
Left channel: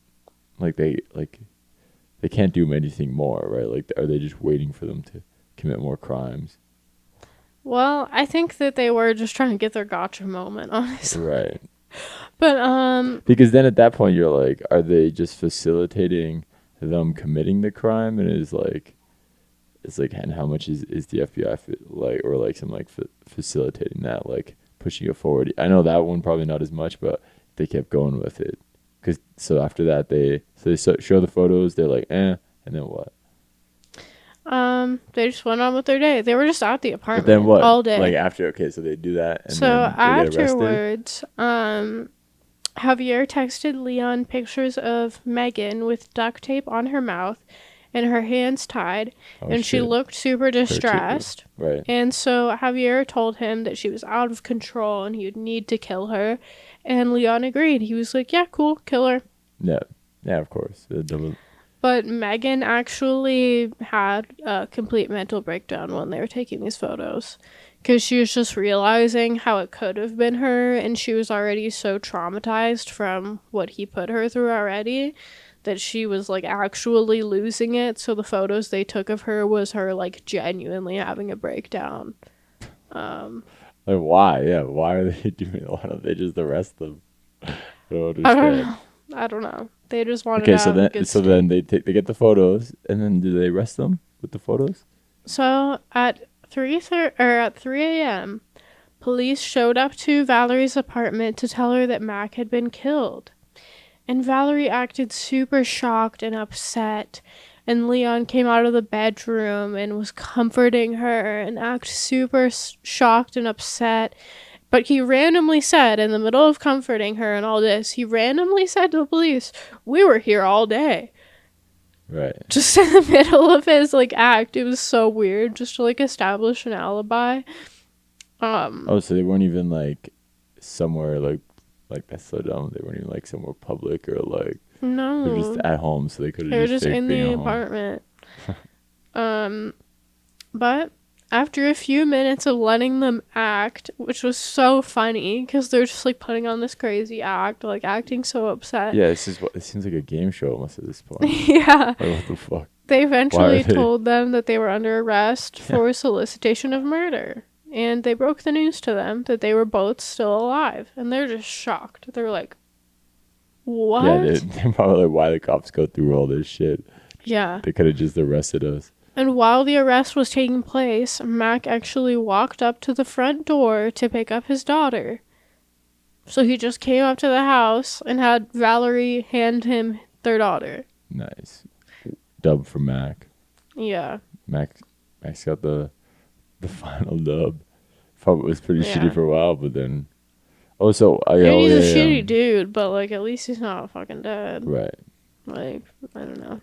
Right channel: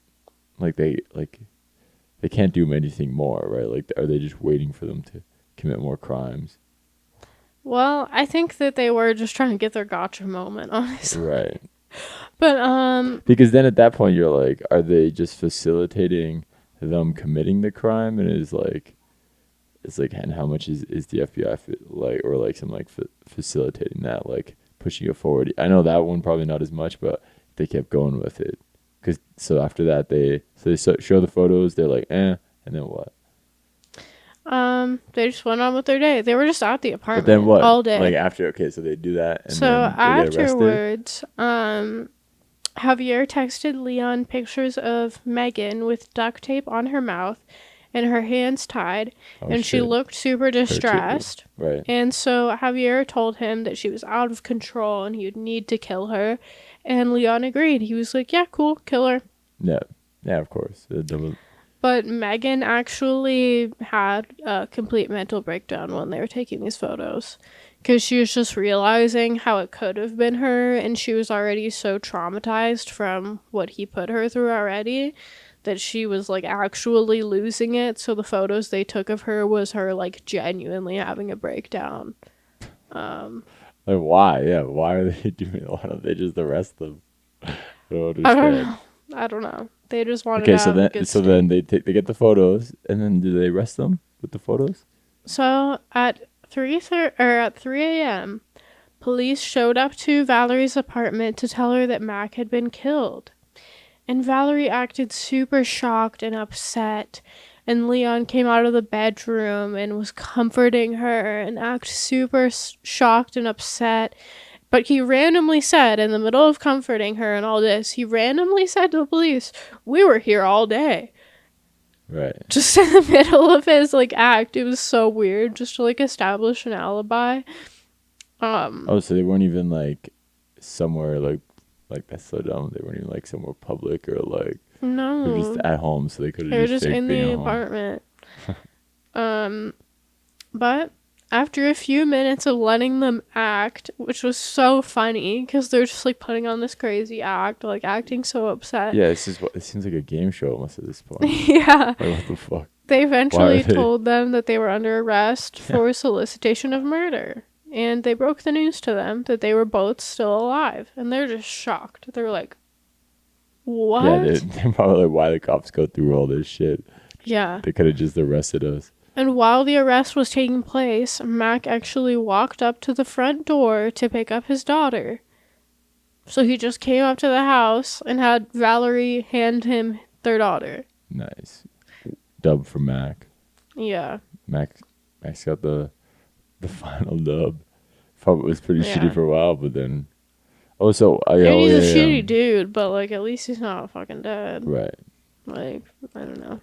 they can't do anything more, right? Like, are they just waiting for them to commit more crimes? Well, I think that they were just trying to get their gotcha moment, honestly. Right. But, because then at that point, you're like, are they just facilitating them committing the crime? And it's like, and how much is the FBI facilitating that, like, pushing it forward? I know that one probably not as much, but they kept going with it. So after that, they show the photos. They're like, and then what? They just went on with their day. They were just at the apartment But then what? all day. Like after, okay, so they do that, and so then they get arrested. afterwards, Javier texted Leon pictures of Megan with duct tape on her mouth and her hands tied, and she looked super distressed. Right. And so Javier told him that she was out of control and he would need to kill her, and Leon agreed. He was like, yeah, cool, kill her. Yeah, of course. But Megan actually had a complete mental breakdown when they were taking these photos, because she was just realizing how it could have been her, and she was already so traumatized from what he put her through already that she was like actually losing it. So the photos they took of her was her like genuinely having a breakdown. Like why? Yeah, why are they doing it? Why don't they just arrest them? I don't understand. I don't know. They just wanted okay, to have a good then they get the photos, and then do they arrest them with the photos? So at 3 a.m., police showed up to Valerie's apartment to tell her that Mac had been killed. And Valerie acted super shocked and upset. And Leon came out of the bedroom and was comforting her and acted super shocked and upset. But he randomly said, in the middle of comforting her and all this, he randomly said to the police, "We were here all day." Right. Just in the middle of his like act. It was so weird, just to like establish an alibi. So they weren't even like somewhere like that's so dumb. They weren't even like somewhere public or like no. They were just at home, so they could have They were just in the apartment. But after a few minutes of letting them act, which was so funny because they're just like putting on this crazy act, like acting so upset. Yeah, it seems like a game show almost at this point. Yeah. Like, what the fuck? They eventually told them that they were under arrest for solicitation of murder. And they broke the news to them that they were both still alive. And they're just shocked. They're like, what? Yeah, they're probably like, why the cops go through all this shit? Yeah. They could have just arrested us. And while the arrest was taking place, Mac actually walked up to the front door to pick up his daughter. So he just came up to the house and had Valerie hand him their daughter. Nice. Dub for Mac. Yeah. Mac's got the final dub. Thought it was pretty shitty for a while, but then... he's a shitty dude, but like at least he's not fucking dead. Right. Like, I don't know.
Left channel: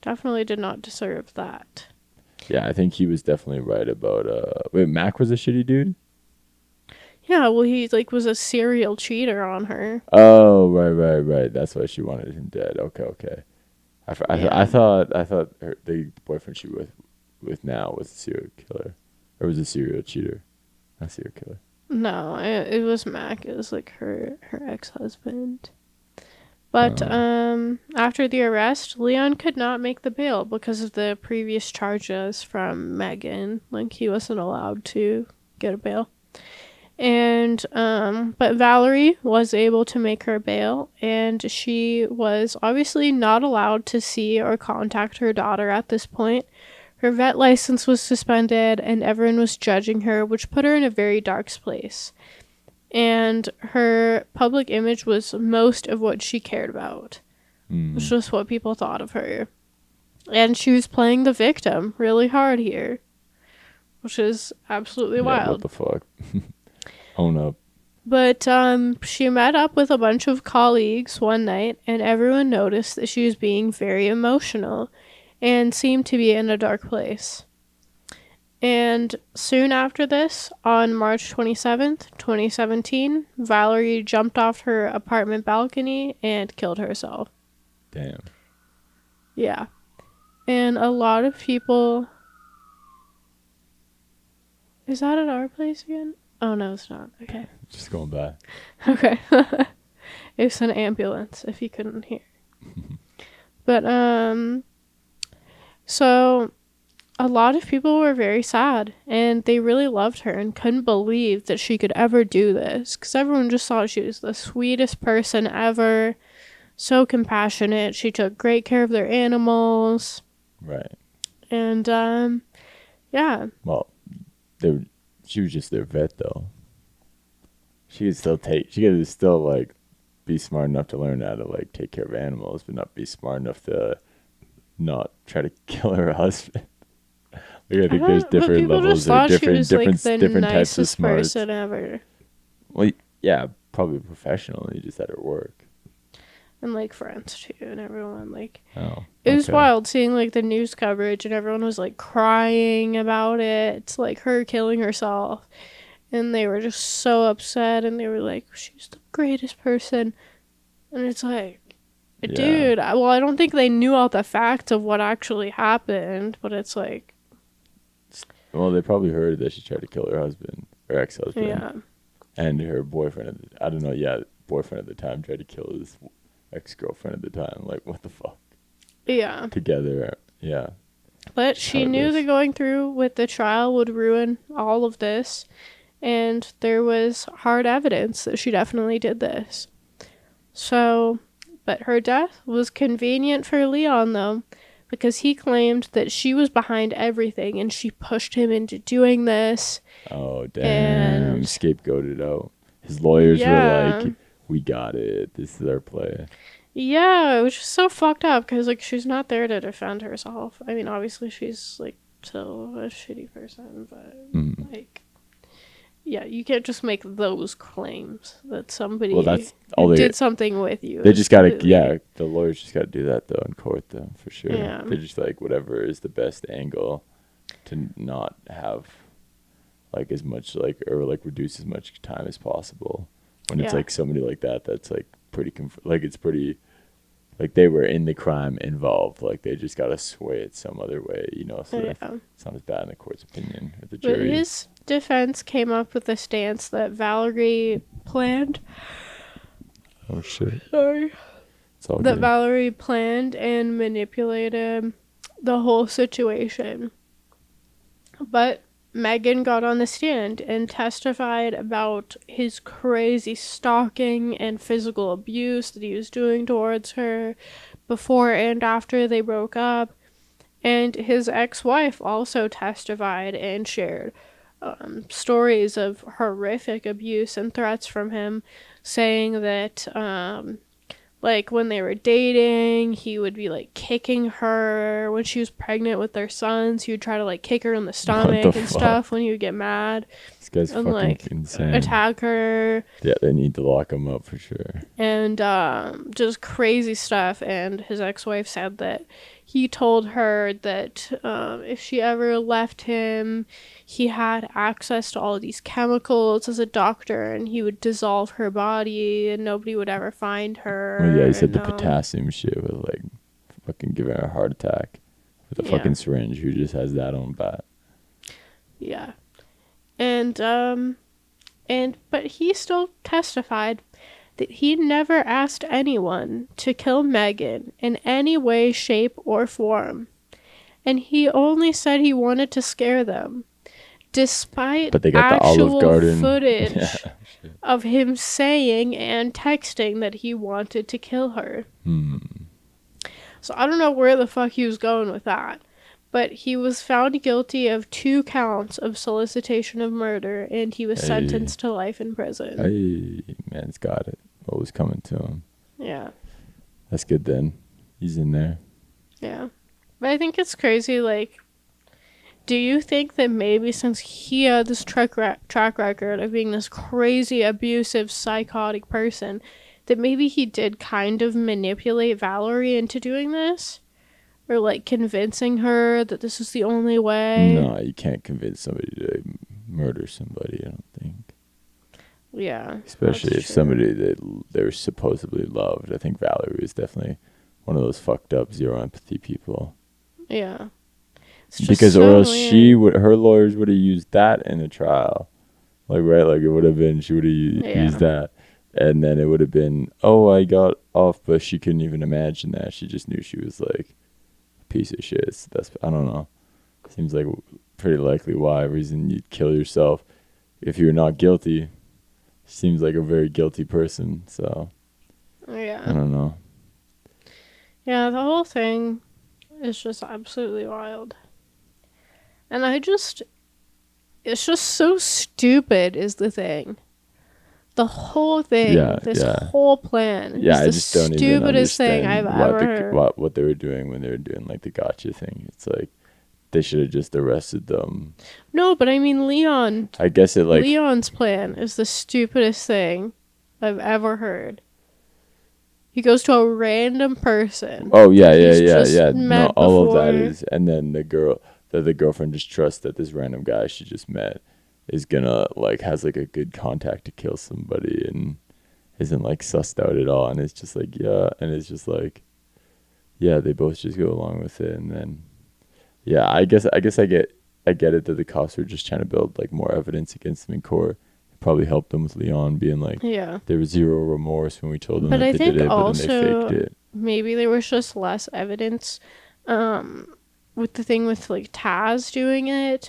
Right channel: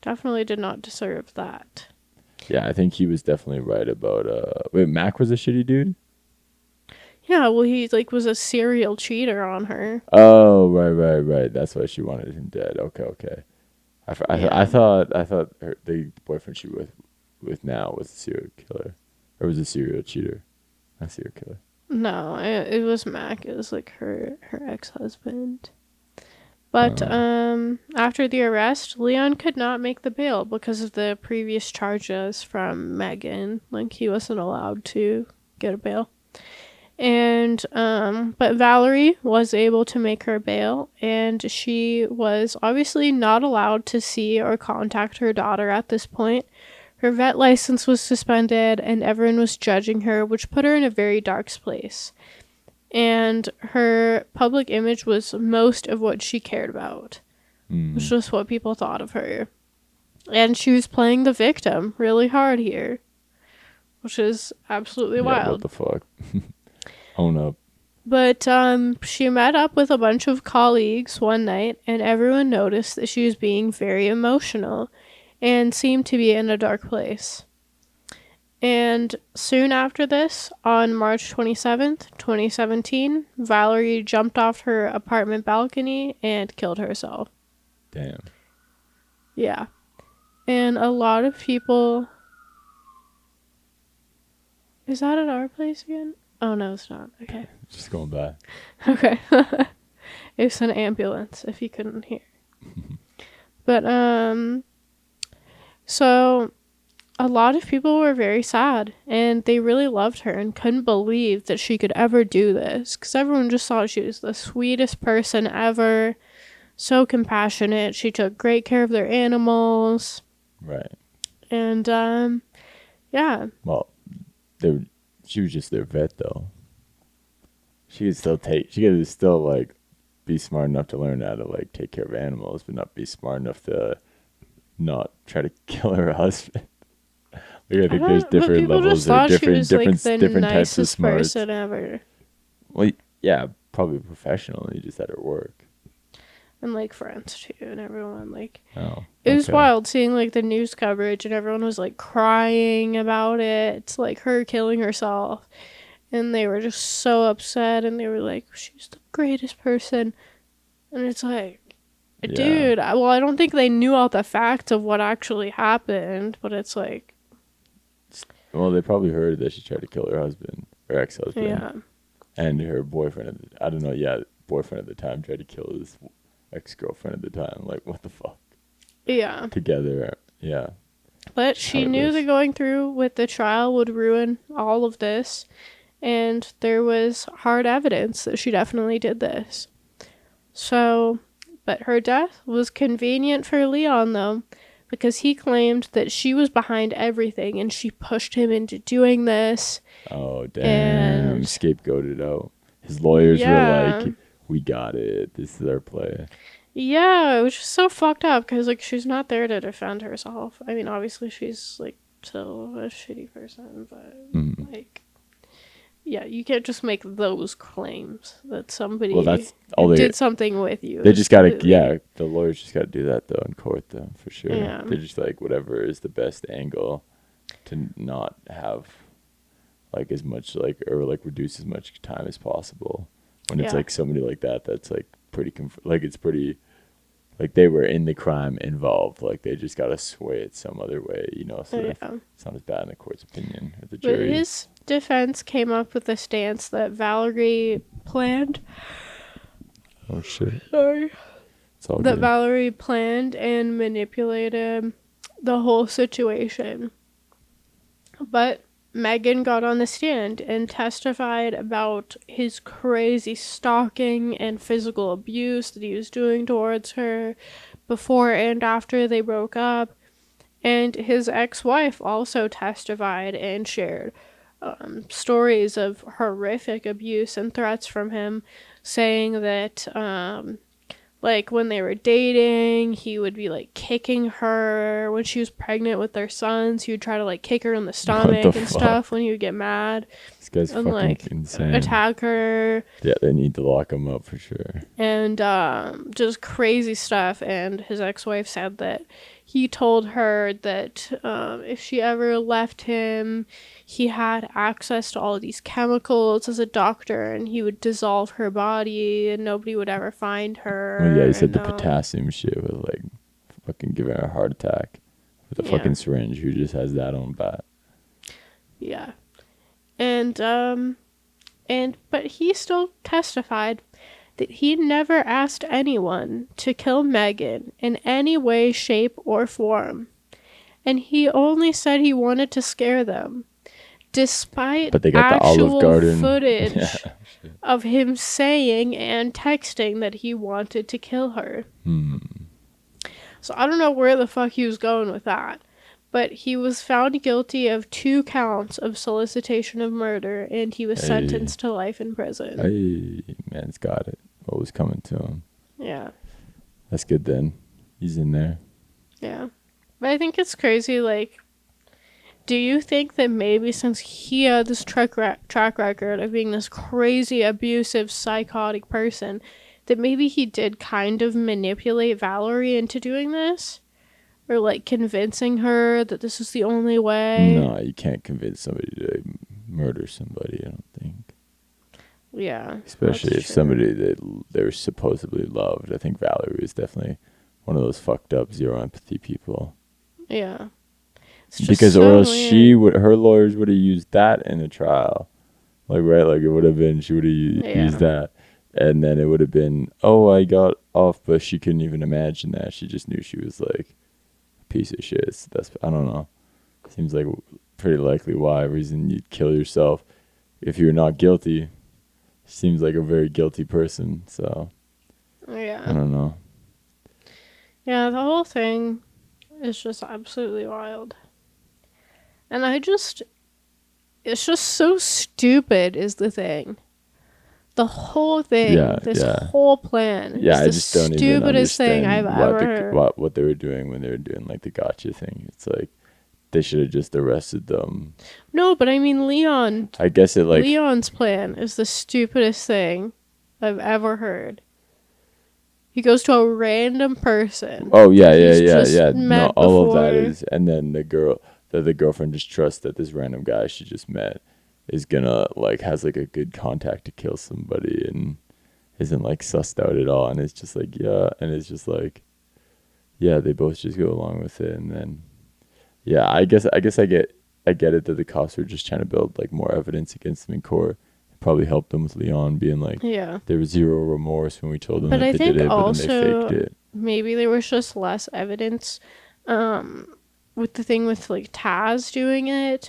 Definitely did not deserve that. Yeah, I think he was definitely right about... Wait, Mac was a shitty dude? Yeah, well, he like was a serial cheater on her. Oh, right. That's why she wanted him dead. Okay. I thought the boyfriend she was with now was a serial killer, or was a serial cheater, not serial killer. No, it was Mac. It was like her ex-husband. But after the arrest, Leon could not make the bail because of the previous charges from Megan. Like he wasn't allowed to get a bail. And but Valerie was able to make her bail, and she was obviously not allowed to see or contact her daughter at this point. Her vet license was suspended, and everyone was judging her, which put her in a very dark place. And her public image was most of what she cared about, which was what people thought of her. And she was playing the victim really hard here, which is absolutely wild. What the fuck? Own up. But she met up with a bunch of colleagues one night, and everyone noticed that she was being very emotional and seemed to be in a dark place. And soon after this, on March 27th, 2017, Valerie jumped off her apartment balcony and killed herself. Damn. Yeah. And a lot of people... Is that at our place again? Oh, no, it's not. Okay. Just going by. Okay. It's an ambulance, if you couldn't hear. But, so a lot of people were very sad, and they really loved her and couldn't believe that she could ever do this, because everyone just thought she was the sweetest person ever, so compassionate. She took great care of their animals. Right. And, yeah. Well, she was just their vet, though. She could still like be smart enough to learn how to like take care of animals, but not be smart enough to not try to kill her husband. Like, I think there's different levels or different types of smarts. Person ever. Well, yeah, probably professionally, just at her work. And like friends too, and everyone like. Oh. It was wild seeing like the news coverage, and everyone was like crying about it. It's like her killing herself, and they were just so upset, and they were like, "She's the greatest person," and it's like. Dude, well, I don't think they knew all the facts of what actually happened, but it's like... Well, they probably heard that she tried to kill her husband, her ex-husband. Yeah. And her boyfriend, I don't know, boyfriend at the time tried to kill his ex-girlfriend at the time. Like, what the fuck? Yeah. Together, yeah. But she knew that going through with the trial would ruin all of this, and there was hard evidence that she definitely did this. So... But her death was convenient for Leon, though, because he claimed that she was behind everything and she pushed him into doing this. Oh, damn. Scapegoated out. His lawyers were like, we got it. This is our play. Yeah, it was just so fucked up because, like, she's not there to defend herself. I mean, obviously, she's, like, still a shitty person, but, like... Yeah, you can't just make those claims that somebody did something with you. They just gotta, the lawyers just gotta do that though in court though, for sure. Yeah. They're just like, whatever is the best angle to not have like as much like, or like reduce as much time as possible. When it's like somebody like that, that's like pretty, it's pretty, like they were in the crime involved. Like they just gotta sway it some other way, you know, so that it's not as bad in the court's opinion or the jury. But his defense came up with a stance that Valerie planned. Oh shit. Sorry. It's all that good. Valerie planned and manipulated the whole situation. But Megan got on the stand and testified about his crazy stalking and physical abuse that he was doing towards her before and after they broke up. And his ex-wife also testified and shared stories of horrific abuse and threats from him, saying that like when they were dating, he would be like kicking her when she was pregnant with their sons. He would try to like kick her in the stomach and stuff when he would get mad. This guy's and, fucking like, insane. Attack her. Yeah, they need to lock him up for sure. And just crazy stuff. And his ex-wife said that he told her that if she ever left him, he had access to all of these chemicals as a doctor, and he would dissolve her body, and nobody would ever find her. Well, yeah, he said the potassium shit was like fucking giving her a heart attack with a fucking syringe. Who just has that on bat? Yeah, but he still testified that he never asked anyone to kill Megan in any way, shape, or form. And he only said he wanted to scare them, despite but they got actual the Olive Garden footage of him saying and texting that he wanted to kill her. So I don't know where the fuck he was going with that. But he was found guilty of 2 counts of solicitation of murder, and he was sentenced to life in prison. Hey, man's got it. What was coming to him? Yeah. That's good then. He's in there. Yeah. But I think it's crazy, like, do you think that maybe since he had this track record of being this crazy, abusive, psychotic person, that maybe he did kind of manipulate Valerie into doing this? Or, like, convincing her that this is the only way? No, you can't convince somebody to murder somebody, I don't think. Yeah. Especially if somebody that they're supposedly loved. I think Valerie was definitely one of those fucked up, zero empathy people. Yeah. Because or else her lawyers would have used that in the trial. Like, right? Like, it would have been, she would have used that. And then it would have been, oh, I got off, but she couldn't even imagine that. She just knew she was, like, a piece of shit. That's, I don't know. Seems like pretty likely reason you'd kill yourself if you're not guilty. Seems like a very guilty person, so. Yeah. I don't know. Yeah, the whole thing is just absolutely wild. And it's just so stupid is the thing. The whole thing, this whole plan is I the just don't even stupidest thing I've ever heard. what they were doing when they were doing like the gotcha thing. It's like they should have just arrested them. No, but I mean Leon. I guess it like Leon's plan is the stupidest thing I've ever heard. He goes to a random person. Oh yeah. No, all of that is, and then the girlfriend just trusts that this random guy she just met is gonna like has like a good contact to kill somebody and isn't like sussed out at all, and it's just like and it's just like they both just go along with it, and then I guess I get it that the cops were just trying to build like more evidence against them in court. It probably helped them with Leon being like there was zero remorse when we told them that they did it, but then they faked it. Maybe there was just less evidence with the thing with like Taz doing it,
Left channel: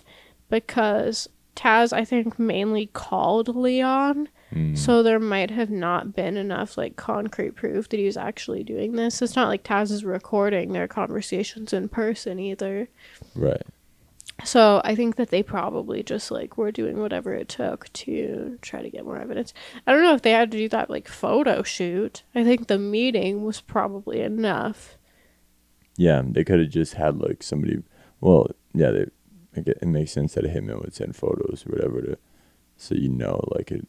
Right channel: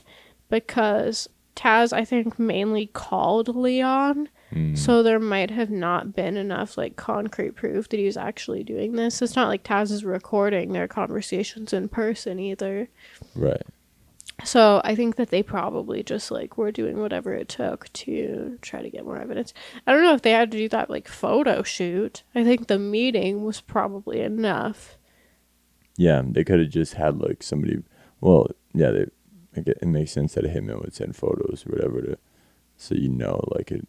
because Taz I think mainly called Leon. So there might have not been enough like concrete proof that he was actually doing this. It's not like Taz is recording their conversations in person either. Right. So I think that they probably just like were doing whatever it took to try to get more evidence. I don't know if they had to do that like photo shoot. I think the meeting was probably enough. Yeah, they could have just had like somebody. Well, yeah, it makes sense that a hitman would send photos or whatever so like it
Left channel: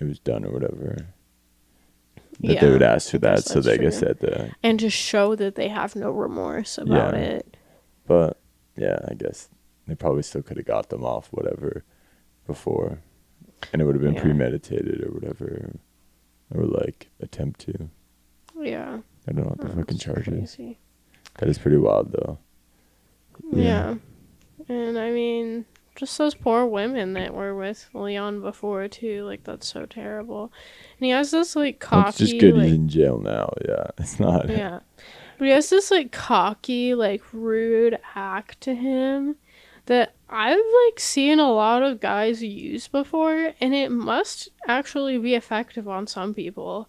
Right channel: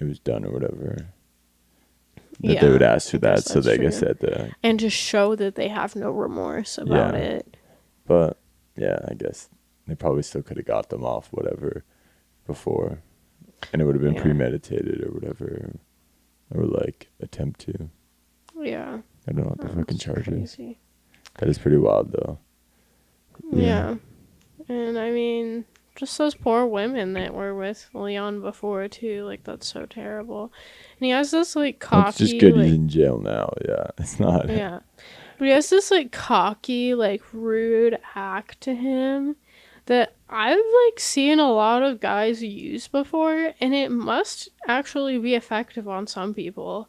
was done or whatever. That they would ask for that, so they guess that and to show that they have no remorse about it. But I guess they probably still could have got them off whatever before, and it would have been premeditated or whatever, or like attempt to. Yeah. I don't know what the fucking charge is. That is pretty wild though. Yeah. And I mean, just those poor women that were with Leon before too, like that's so terrible. And he has this like cocky, well, it's just good he's in jail now. It's not. Yeah. But he has this like cocky, like rude act to him that I've like seen a lot of guys use before, and it must actually be effective on some people.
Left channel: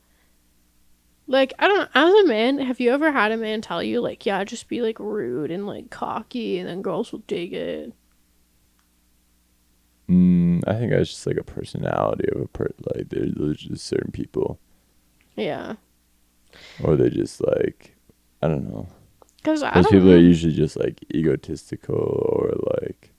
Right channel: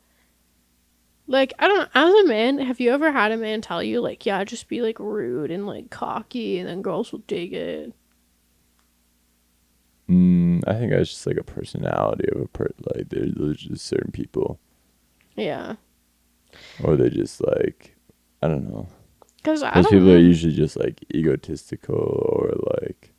Like, I don't know, as a man, have you ever had a man tell you like, just be like rude and like cocky and then girls will dig it? I think that's just like a personality of like there's just certain people. Yeah. Or they just like, I don't know. Because those people are usually just like egotistical or like,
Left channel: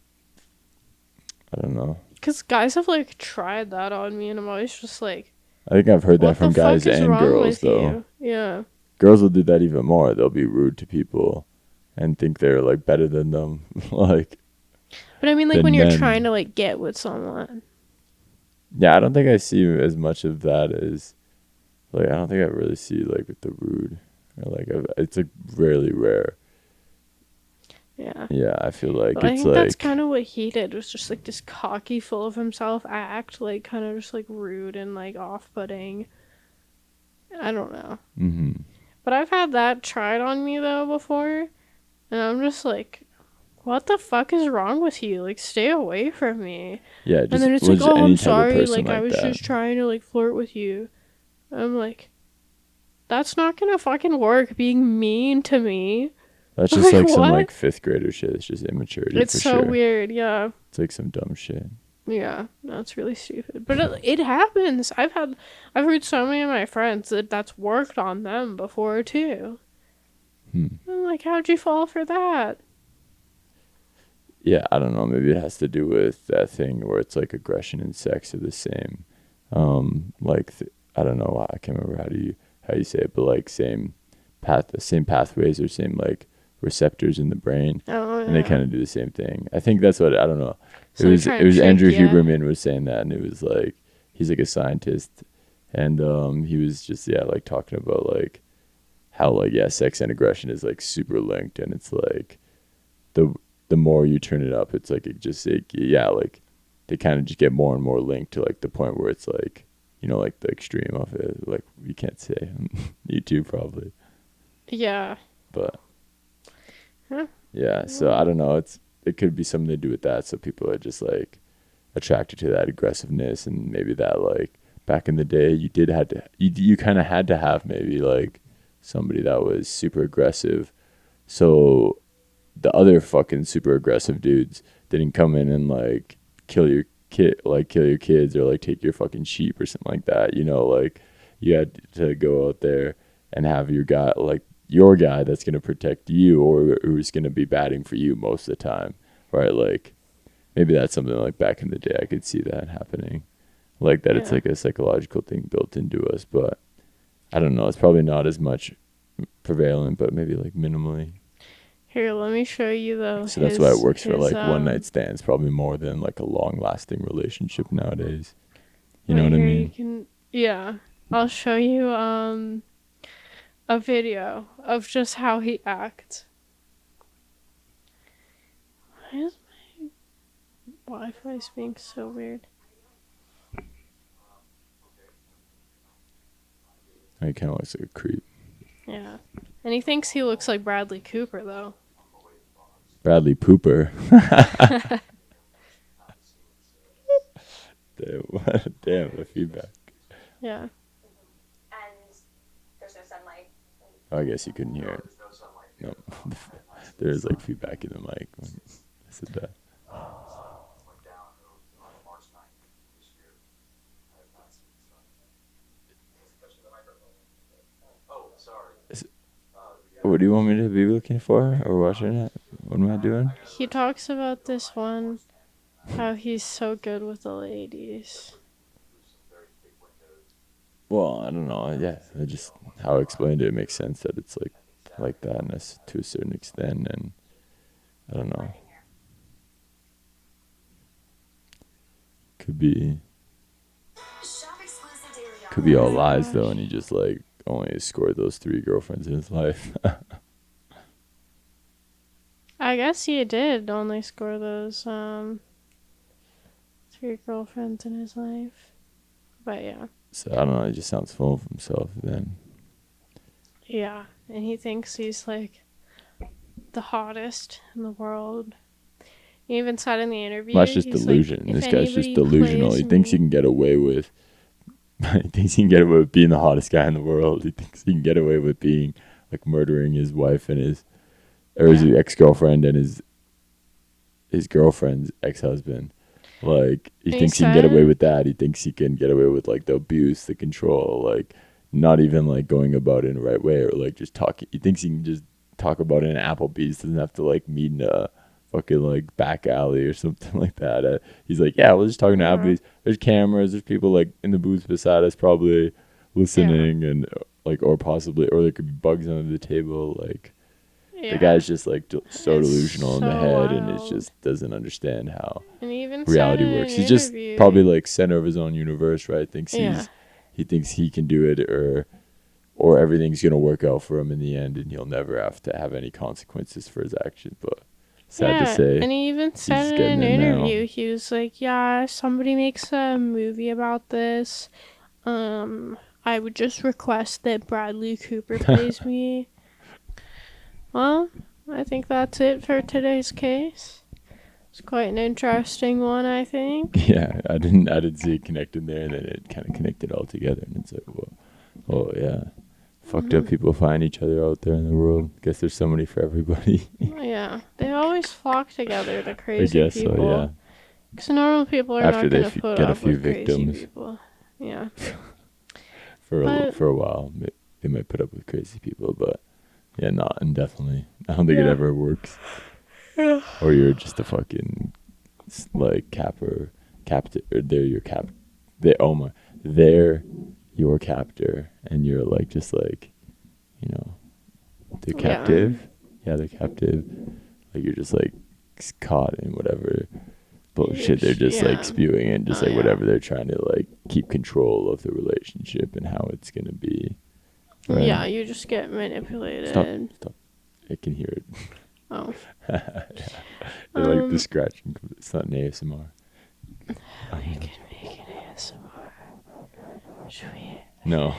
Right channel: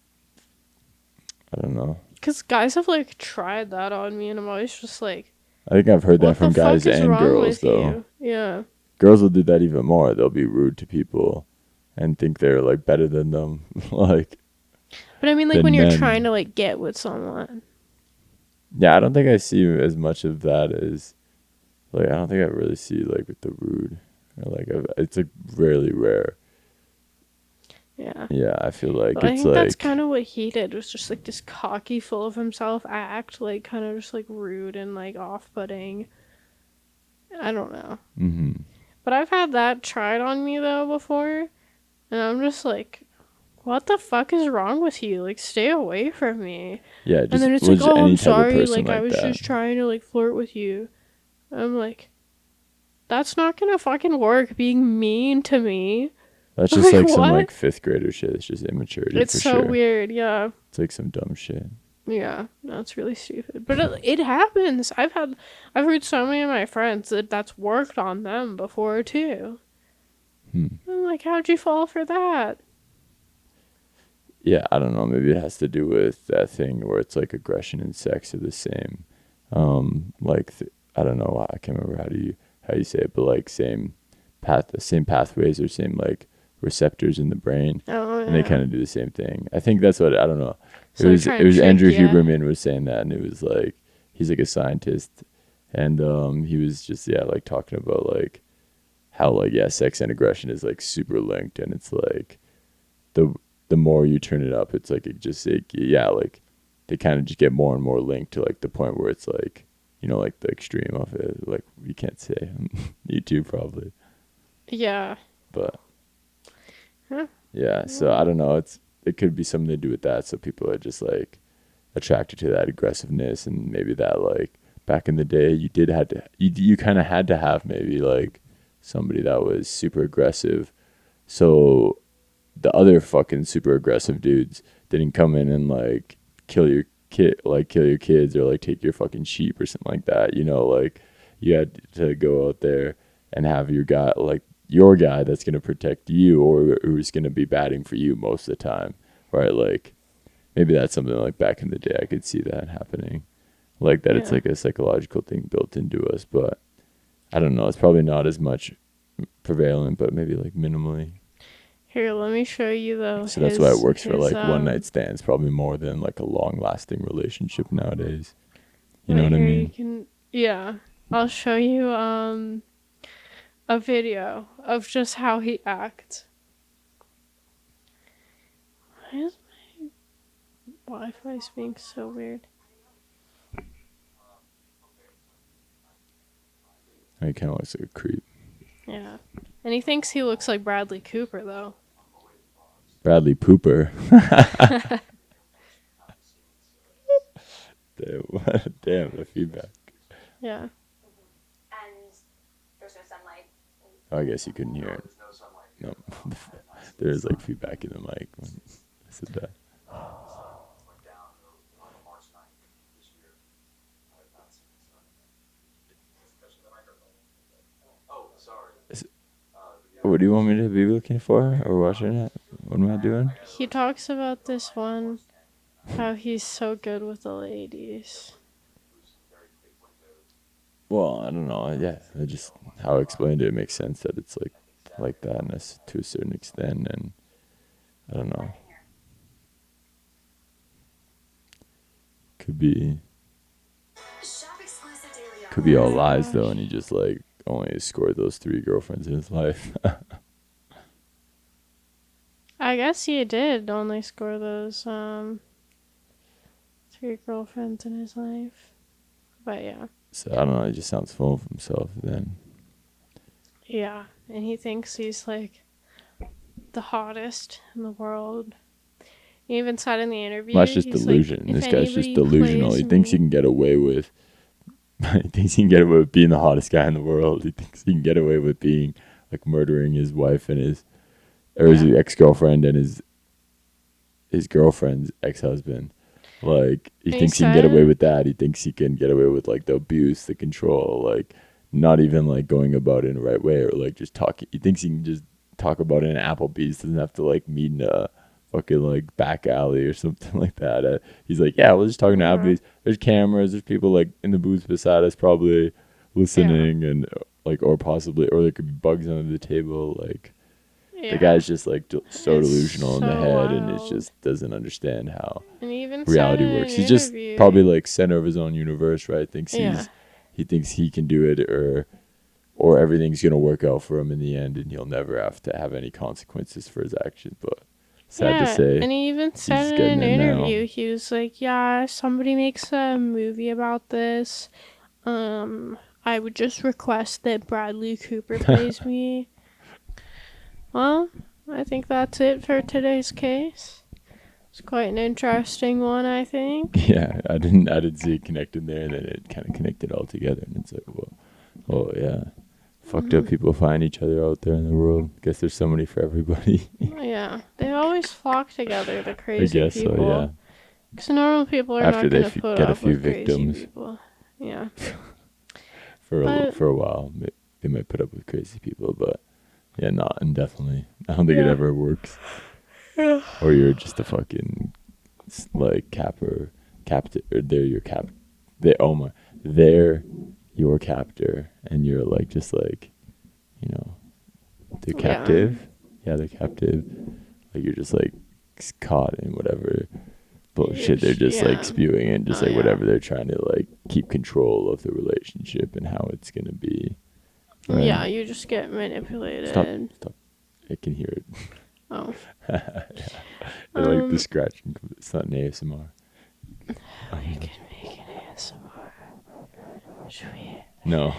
I don't know. Because guys have like tried that on me, and I'm always just like, I think I've heard that from guys and girls though. Yeah. Girls will do that even more. They'll be rude to people and think they're like better than them. Like. But I mean, like when you're trying to like get with someone. Yeah, I don't think I see as much of that as, like, I don't think I really see like with the rude, or like it's like really rare. Yeah. Yeah, I feel like but I think that's kind of what he did. Was just like this cocky, full of himself act, like kind of just like rude and like off-putting. I don't know. But I've had that tried on me though before, and I'm just like, what the fuck is wrong with you? Like, stay away from me. Yeah, and then it's like, oh, I'm sorry. Like I was just trying to like flirt with you. I'm like, that's not gonna fucking work. Being mean to me. That's just like some like fifth grader shit. It's just immaturity. It's so weird. Yeah. It's like some dumb shit. Yeah, that's really stupid. But it happens. I've heard so many of my friends that's worked on them before too. I'm like, how'd you fall for that? Yeah, I don't know. Maybe it has to do with that thing where it's like aggression and sex are the same. Like I don't know. I can't remember how you say it, but like same pathways or same like receptors in the brain, and they kind of do the same thing. I think that's what, I don't know. It was Andrew Huberman was saying that, and it was like he's like a scientist, and he was just like talking about like how like sex and aggression is like super linked, and it's like the more you turn it up, it's like it just like they kind of just get more and more linked to like the point where it's like, you know, like the extreme of it, like you can't say. You too probably. Yeah. But yeah, so I don't know, it could be something to do with that, so people are just like attracted to that aggressiveness, and maybe that like back in the day you kind of had to have maybe like somebody that was super aggressive, so the other fucking super aggressive dudes didn't come in and like kill kill your kids or like take your fucking sheep or something like that. You know, like you had to go out there and have your guy that's gonna protect you or who's gonna be batting for you most of the time, right? Like maybe that's something like back in the day I could see that happening, like that. It's like a psychological thing built into us, but I don't know. It's probably not as much prevalent, but maybe like minimally. Here, let me show you though. So that's why it works for like one night stands, probably more than like a long lasting relationship nowadays. You know what I mean? I'll show you a video of just how he acts. Why is my Wi-Fi being so weird? He kind of looks like a creep. Yeah. And he thinks he looks like Bradley Cooper, though. Bradley Pooper. Damn, the feedback. Yeah. And there's no sunlight. Oh, I guess you couldn't hear it. No. There's like feedback in the mic when I said that. What do you want me to be looking for or watching it? What am I doing? He talks about this one, how he's so good with the ladies. Well, I don't know. Yeah, just how I explained it makes sense that it's like that and that's to a certain extent, and I don't know. Could be all lies though, and he just like only scored those 3 girlfriends in his life. I guess he did only score those 3 girlfriends in his life. But yeah. So I don't know, he just sounds full of himself then. Yeah, and he thinks he's like the hottest in the world. He even said in the interview. Well, that's just delusion. Like, this guy's just delusional. He thinks he can get away with being the hottest guy in the world. He thinks he can get away with being like murdering his wife and his ex-girlfriend and his girlfriend's ex-husband. Like he thinks he can get away with that. He thinks he can get away with like the abuse, the control, like not even like going about it in the right way or like just talking. He thinks he can just talk about it in Applebee's. Doesn't have to like meet in a fucking like back alley or something like that. He's like, yeah, we're just talking to Applebee's. There's cameras. There's people like in the booth beside us probably listening and like or there could be bugs under the table. Like the guy's just like so delusional in the head and it just doesn't understand how reality works. He's just probably like center of his own universe, right? He thinks he can do it or everything's gonna work out for him in the end and he'll never have to have any consequences for his actions. But sad to say. And he even said in an interview, he was like, yeah, if somebody makes a movie about this, I would just request that Bradley Cooper plays me. Well, I think that's it for today's case. It's quite an interesting one, I think. Yeah, I didn't see it connected there, and then it kind of connected all together, and it's like, well, yeah. Fucked up people find each other out there in the world. Guess there's somebody for everybody. Yeah, they always flock together, the crazy people. I guess so, yeah. Because normal people are not going to put up with crazy people. Yeah. For a while, they might put up with crazy people, but yeah, not indefinitely. I don't think it ever works. Yeah. Or you're just a fucking like captive, or they're your they're your captor, and you're like just like, you know, they're captive. Yeah, they're captive. Like you're just like caught in whatever bullshit they're just like spewing and just like whatever they're trying to like keep control of the relationship and how it's gonna be. Right? Yeah, you just get manipulated. Stop. I can hear it. Oh. I like the scratching. It's not an ASMR. We can make an ASMR. Should we? No.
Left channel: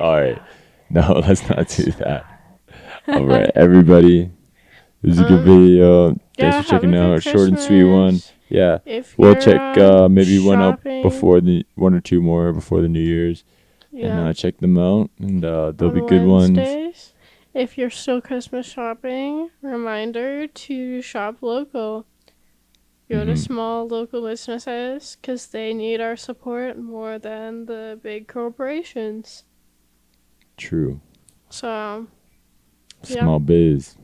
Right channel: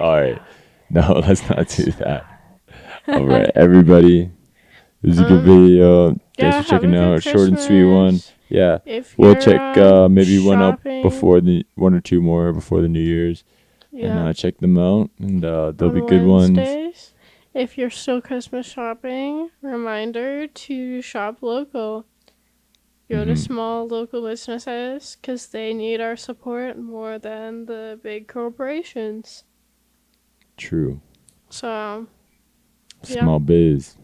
All right. No, let's not do that. All right, everybody. It was a good video. Thanks for checking out. Short and sweet one. Yeah. We'll check maybe one up before one or two more before the New Year's. Yeah. And check them out. And they'll be good ones. If you're still Christmas shopping, reminder to shop local. Go to small local businesses because they need our support more than the big corporations. True. So, Small biz.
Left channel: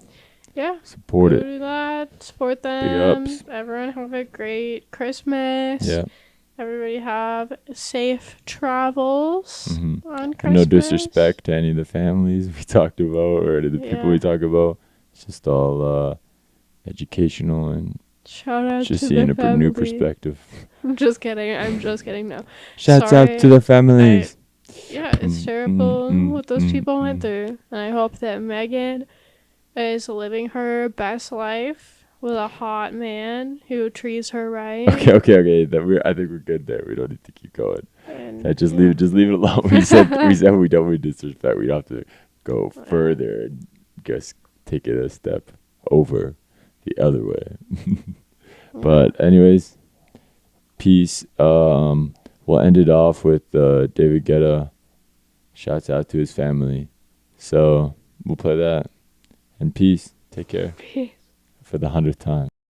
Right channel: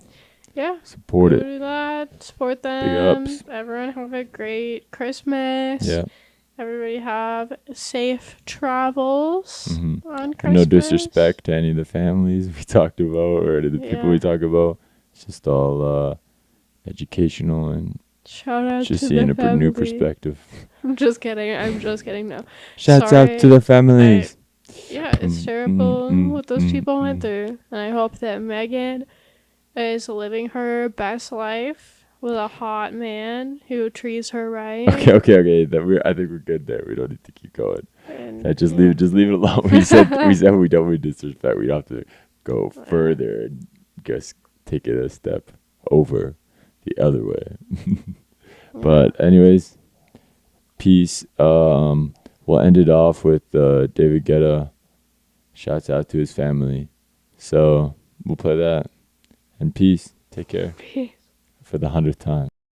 Yeah. Support it. Do that. Support them. Big ups. Everyone have a great Christmas. Yeah. Everybody have safe travels on Christmas. And no disrespect to any of the families we talked about or to the people we talk about. It's just all educational and shout out just to seeing the a family. new perspective. I'm just kidding. No. Shouts out to the families. It's terrible what those people went through. And I hope that Megan is living her best life with a hot man who treats her right. Okay. I think we're good there. We don't need to keep going. And, just leave it alone. We said we don't mean disrespect. We don't have to go further and just take it a step over the other way. But anyways, peace. We'll end it off with David Guetta. Shouts out to his family. So we'll play that. And peace. Take care. Peace. For the 100th time.